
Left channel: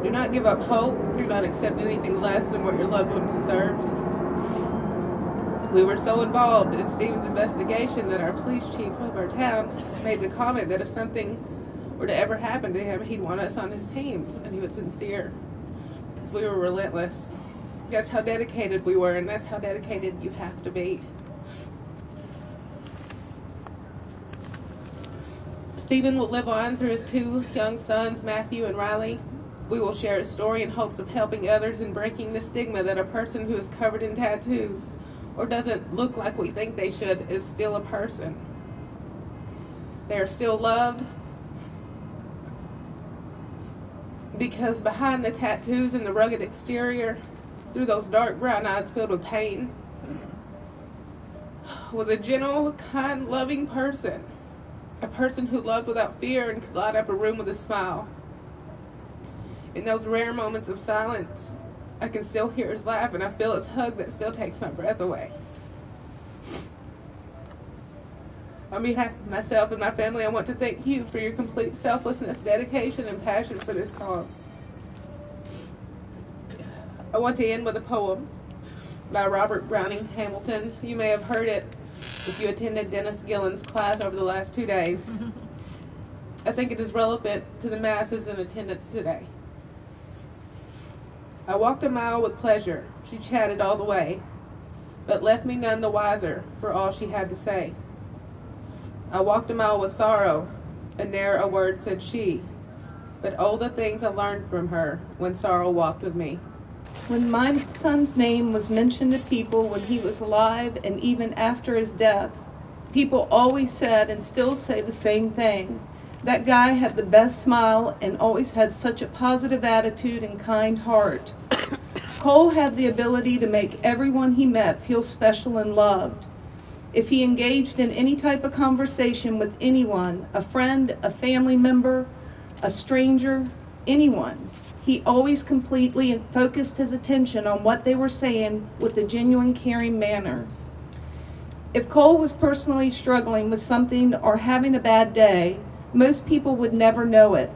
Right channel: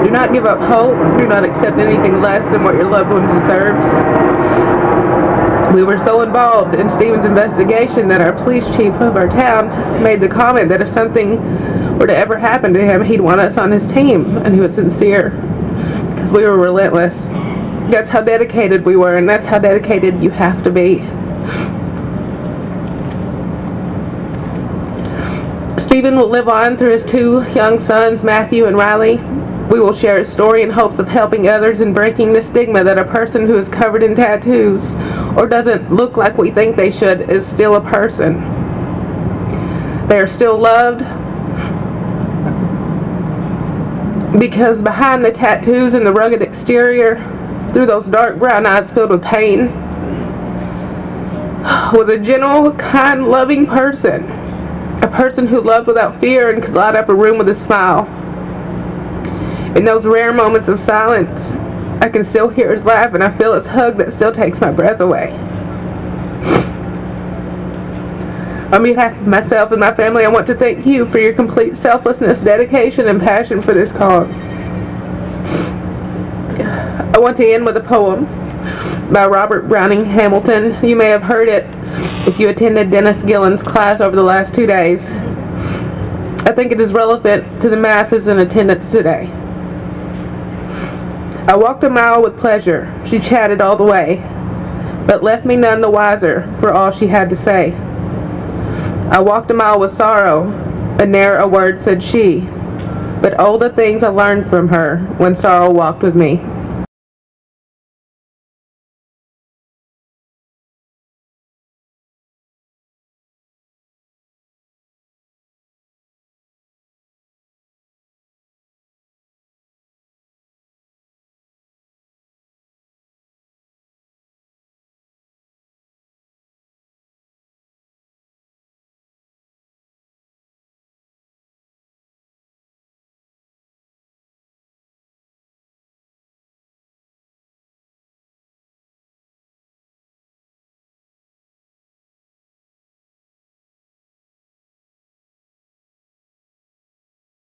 Do not give up hope. Do not accept anything less than what your loved one deserves. We were so involved in Stephen's investigation that our police chief of our town made the comment that if something were to ever happen to him, he'd want us on his team, and he was sincere because we were relentless. That's how dedicated we were, and that's how dedicated you have to be. Stephen will live on through his two young sons, Matthew and Riley. We will share his story in hopes of helping others and breaking the stigma that a person who is covered in tattoos or doesn't look like we think they should is still a person. They are still loved because behind the tattoos and the rugged exterior, through those dark brown eyes filled with pain, was a gentle, kind, loving person. A person who loved without fear and could light up a room with a smile. In those rare moments of silence, I can still hear his laugh and I feel his hug that still takes my breath away. On behalf of myself and my family, I want to thank you for your complete selflessness, dedication, and passion for this cause. I want to end with a poem by Robert Browning Hamilton. You may have heard it if you attended Dennis Gillen's class over the last 2 days. I think it is relevant to the masses in attendance today. I walked a mile with pleasure. She chatted all the way, but left me none the wiser for all she had to say. I walked a mile with sorrow, and ne'er a word said she, but all the things I learned from her when sorrow walked with me. When my son's name was mentioned to people when he was alive and even after his death, people always said and still say the same thing. That guy had the best smile and always had such a positive attitude and kind heart. Cole had the ability to make everyone he met feel special and loved. If he engaged in any type of conversation with anyone, a friend, a family member, a stranger, anyone, he always completely focused his attention on what they were saying with a genuine, caring manner. If Cole was personally struggling with something or having a bad day, most people would never know it.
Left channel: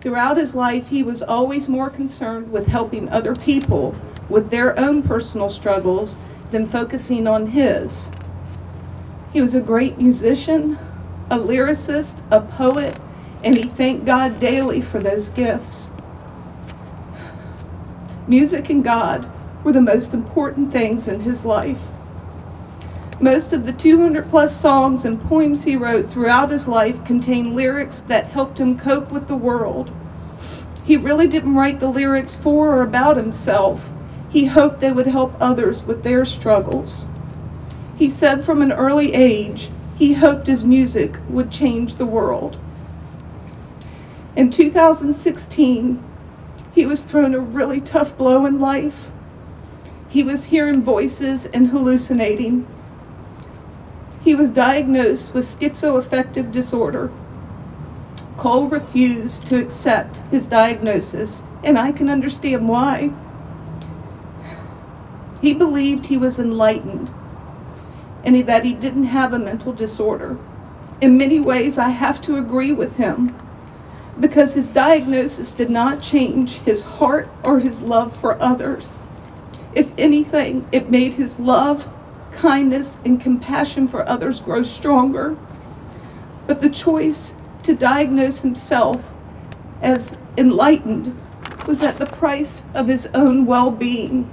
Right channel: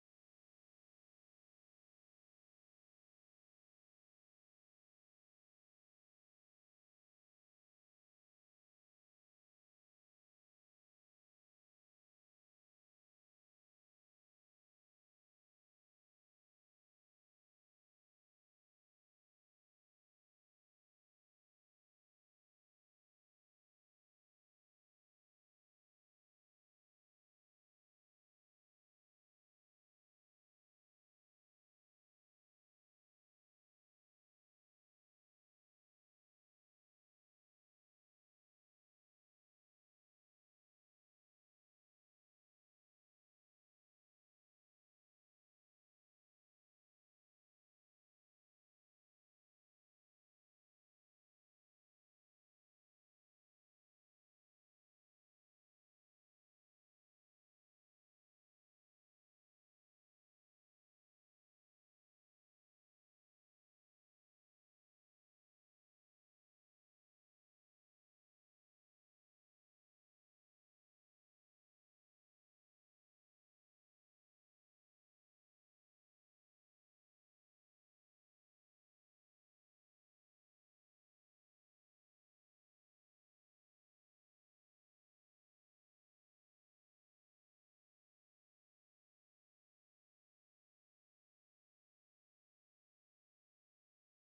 Throughout his life, he was always more concerned with helping other people with their own personal struggles than focusing on his. He was a great musician, a lyricist, a poet, and he thanked God daily for those gifts. Music and God were the most important things in his life. Most of the 200+ songs and poems he wrote throughout his life contain lyrics that helped him cope with the world. He really didn't write the lyrics for or about himself. He hoped they would help others with their struggles. He said from an early age, he hoped his music would change the world. In 2016, he was thrown a really tough blow in life. He was hearing voices and hallucinating. He was diagnosed with schizoaffective disorder. Cole refused to accept his diagnosis, and I can understand why. He believed he was enlightened and that he didn't have a mental disorder. In many ways, I have to agree with him because his diagnosis did not change his heart or his love for others. If anything, it made his love, kindness, and compassion for others grow stronger. But the choice to diagnose himself as enlightened was at the price of his own well-being.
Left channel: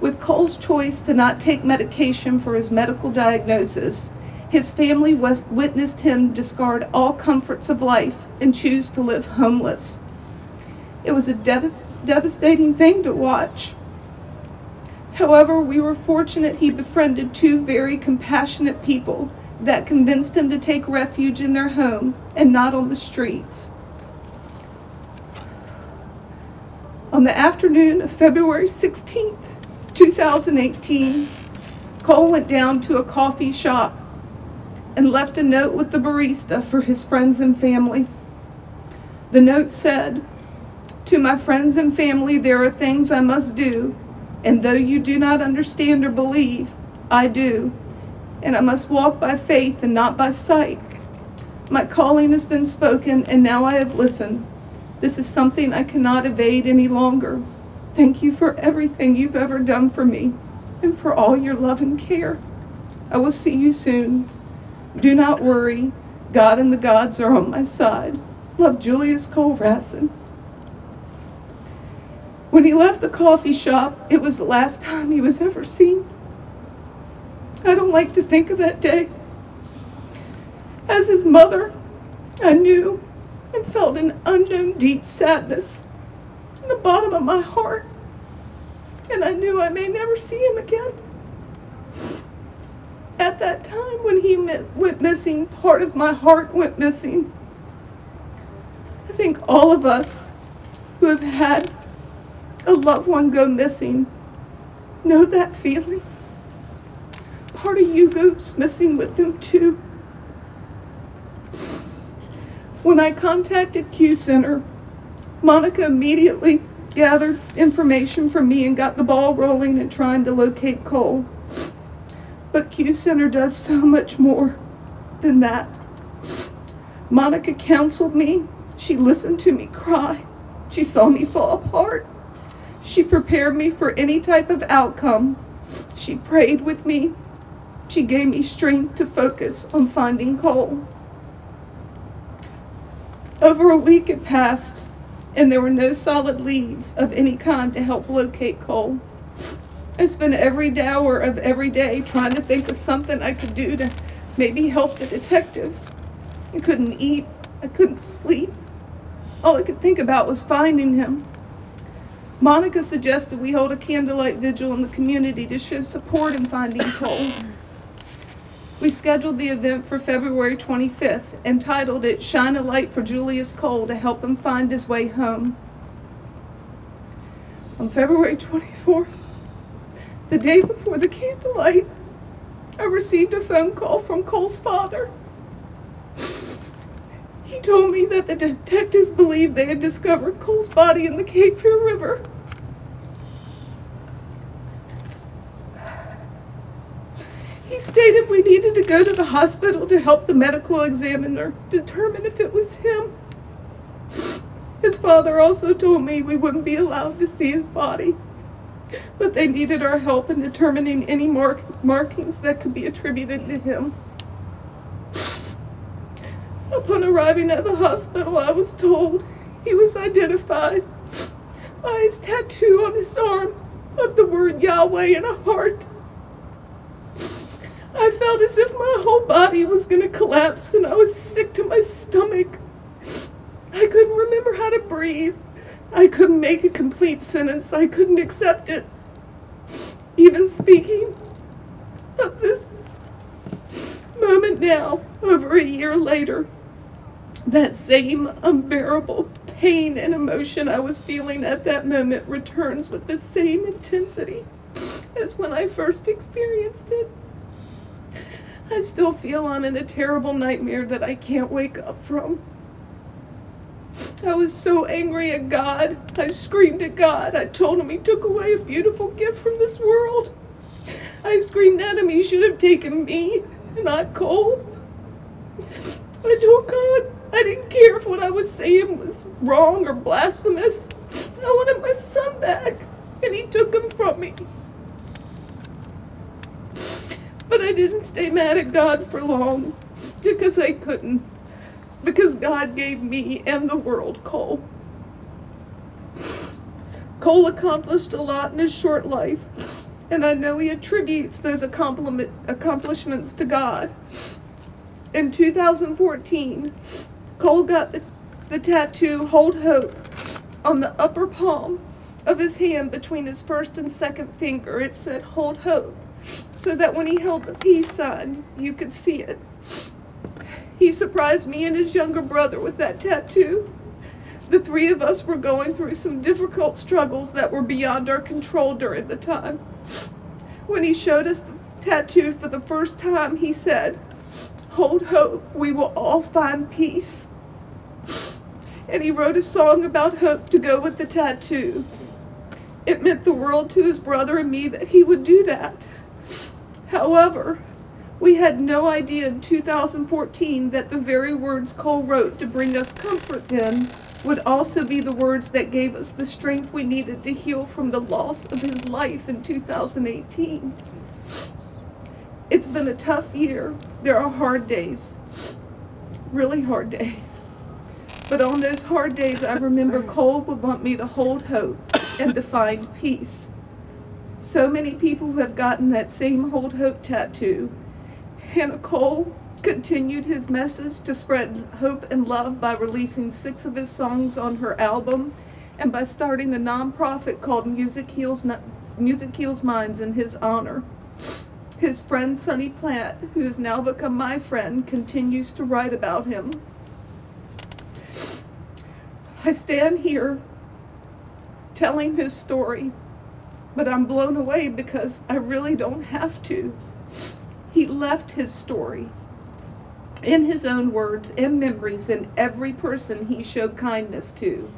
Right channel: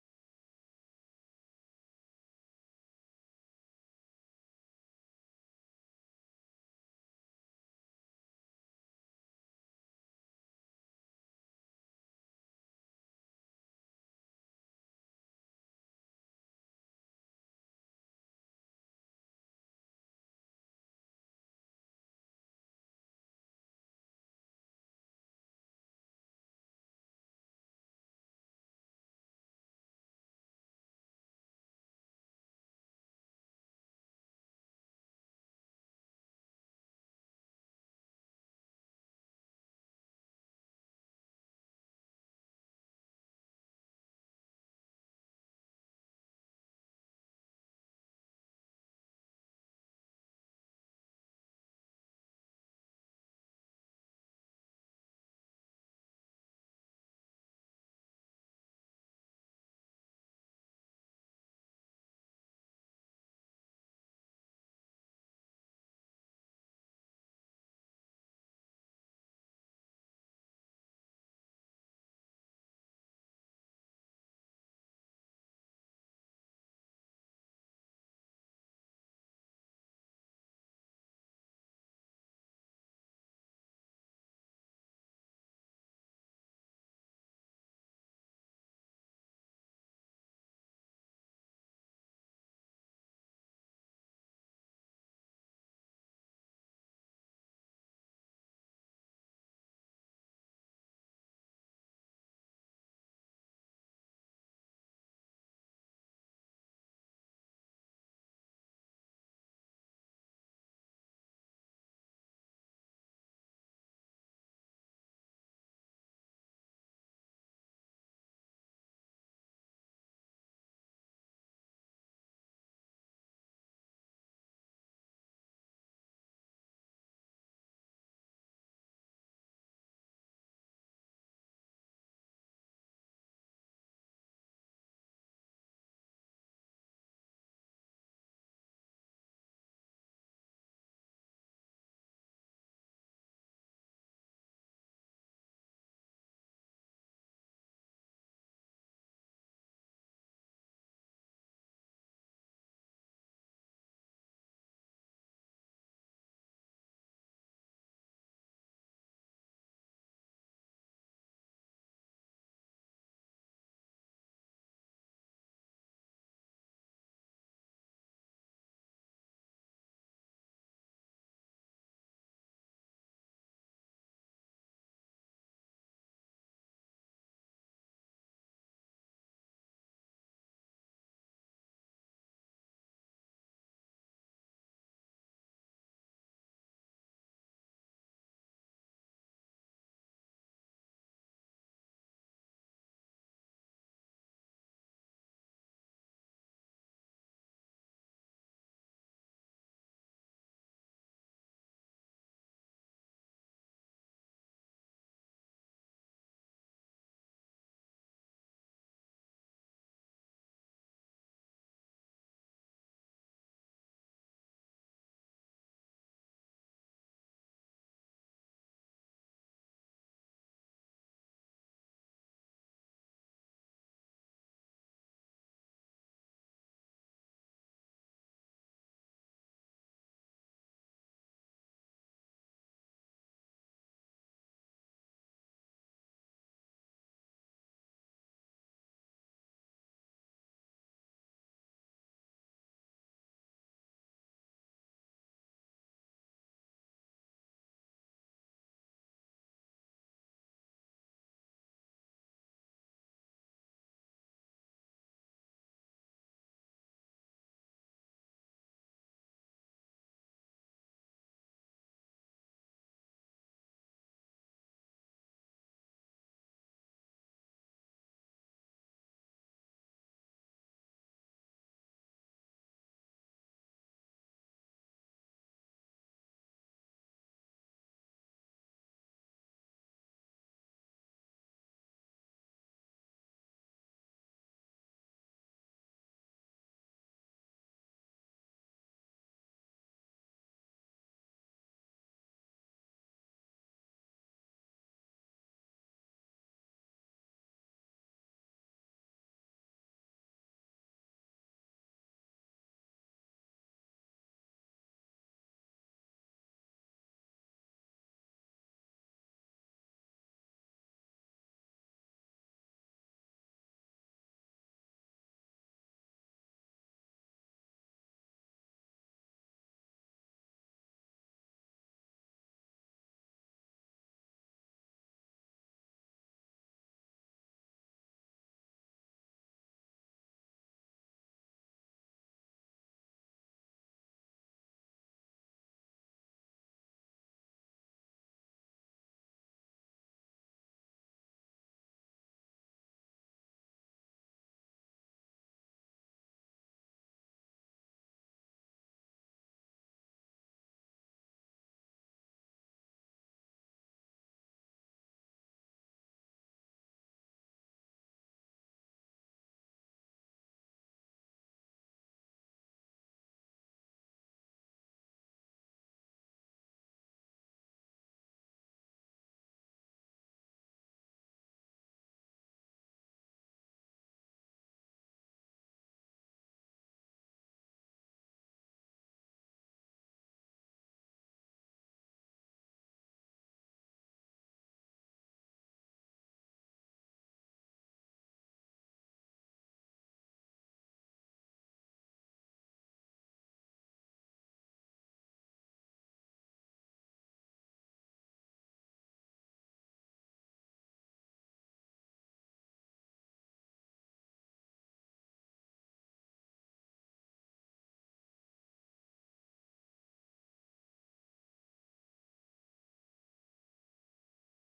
With Cole's choice to not take medication for his medical diagnosis, his family witnessed him discard all comforts of life and choose to live homeless. It was a devastating thing to watch. However, we were fortunate he befriended two very compassionate people that convinced him to take refuge in their home and not on the streets. On the afternoon of February 16th, 2018, Cole went down to a coffee shop and left a note with the barista for his friends and family. The note said, "To my friends and family, there are things I must do, and though you do not understand or believe, I do, and I must walk by faith and not by sight. My calling has been spoken, and now I have listened. This is something I cannot evade any longer. Thank you for everything you've ever done for me, and for all your love and care. I will see you soon. Do not worry. God and the gods are on my side. Love, Julius Cole Rassin." When he left the coffee shop, it was the last time he was ever seen. I don't like to think of that day. As his mother, I knew and felt an unknown deep sadness in the bottom of my heart, and I knew I may never see him again. At that time when he went missing, part of my heart went missing. I think all of us who have had a loved one go missing know that feeling. Part of you goes missing with them too. When I contacted Q Center, Monica immediately gathered information from me and got the ball rolling in trying to locate Cole. But Q Center does so much more than that. Monica counseled me. She listened to me cry. She saw me fall apart. She prepared me for any type of outcome. She prayed with me. She gave me strength to focus on finding Cole. Over a week had passed, and there were no solid leads of any kind to help locate Cole. I spent every hour of every day trying to think of something I could do to maybe help the detectives. I couldn't eat. I couldn't sleep. All I could think about was finding him. Monica suggested we hold a candlelight vigil in the community to show support in finding Cole. We scheduled the event for February 25th and titled it "Shine a Light for Julius Cole to help him find his way home." On February 24th, the day before the candlelight, I received a phone call from Cole's father. He told me that the detectives believed they had discovered Cole's body in the Cape Fear River. He stated we needed to go to the hospital to help the medical examiner determine if it was him. His father also told me we wouldn't be allowed to see his body, but they needed our help in determining any markings that could be attributed to him. Upon arriving at the hospital, I was told he was identified by his tattoo on his arm of the word Yahweh and a heart. I felt as if my whole body was going to collapse, and I was sick to my stomach. I couldn't remember how to breathe. I couldn't make a complete sentence. I couldn't accept it. Even speaking of this moment now, over a year later, that same unbearable pain and emotion I was feeling at that moment returns with the same intensity as when I first experienced it. I still feel I'm in a terrible nightmare that I can't wake up from. I was so angry at God. I screamed at God. I told him he took away a beautiful gift from this world. I screamed at him he should have taken me, not Cole. I told God I didn't care if what I was saying was wrong or blasphemous. I wanted my son back, and he took him from me. But I didn't stay mad at God for long, because I couldn't, because God gave me and the world Cole. Cole accomplished a lot in his short life, and I know he attributes those accomplishments to God. In 2014, Cole got the tattoo "Hold Hope" on the upper palm of his hand between his first and second finger. It said "Hold Hope," so that when he held the peace sign, you could see it. He surprised me and his younger brother with that tattoo. The three of us were going through some difficult struggles that were beyond our control during the time. When he showed us the tattoo for the first time, he said, "Hold hope, we will all find peace." And he wrote a song about hope to go with the tattoo. It meant the world to his brother and me that he would do that. However, we had no idea in 2014 that the very words Cole wrote to bring us comfort then would also be the words that gave us the strength we needed to heal from the loss of his life in 2018. It's been a tough year. There are hard days, really hard days. But on those hard days, I remember Cole would want me to hold hope and to find peace. So many people have gotten that same "Hold Hope" tattoo. Hannah Cole continued his message to spread hope and love by releasing 6 of his songs on her album and by starting a nonprofit called Music Heals Minds in his honor. His friend Sonny Plant, who has now become my friend, continues to write about him. I stand here telling his story, but I'm blown away because I really don't have to. He left his story in his own words and memories in every person he showed kindness to.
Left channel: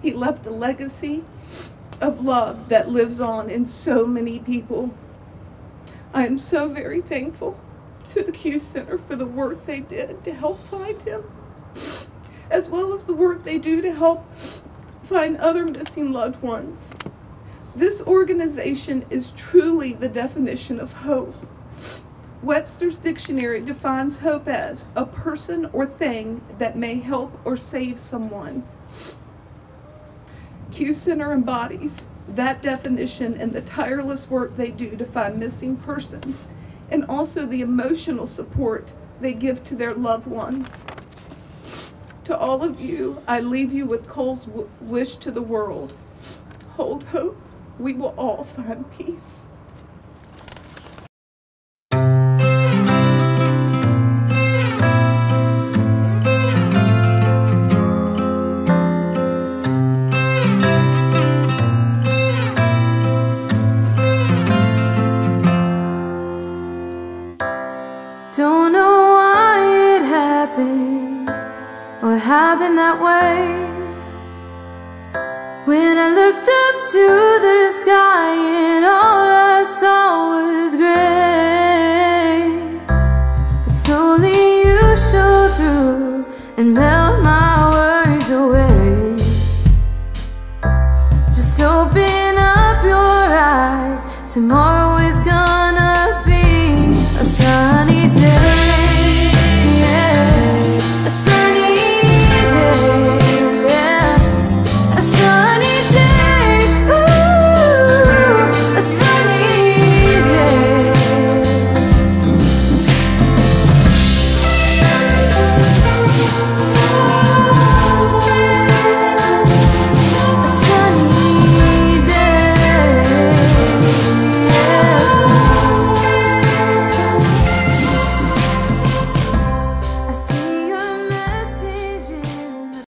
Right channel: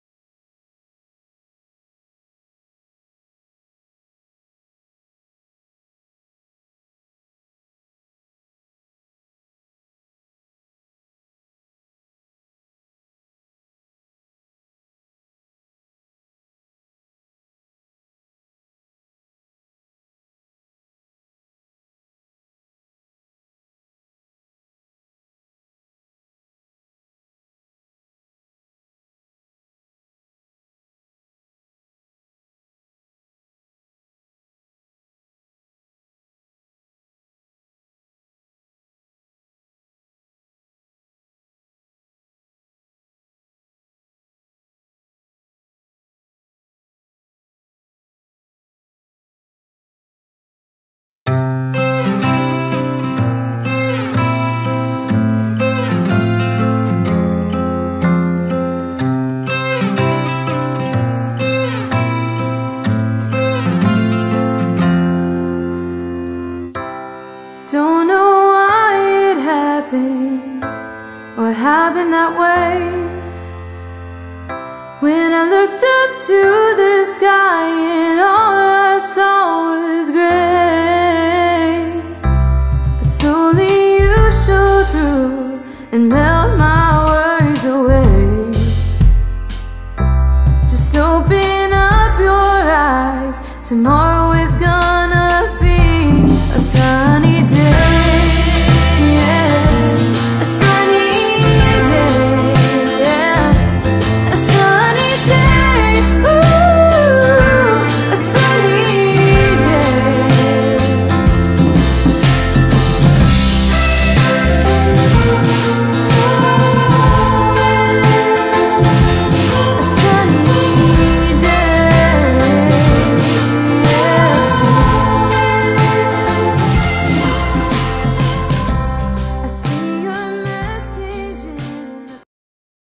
He left a legacy of love that lives on in so many people. I am so very thankful to the Q Center for the work they did to help find him, as well as the work they do to help find other missing loved ones. This organization is truly the definition of hope. Webster's dictionary defines hope as a person or thing that may help or save someone. Q Center embodies that definition in the tireless work they do to find missing persons, and also the emotional support they give to their loved ones. To all of you, I leave you with Cole's wish to the world. Hold hope. We will all find peace.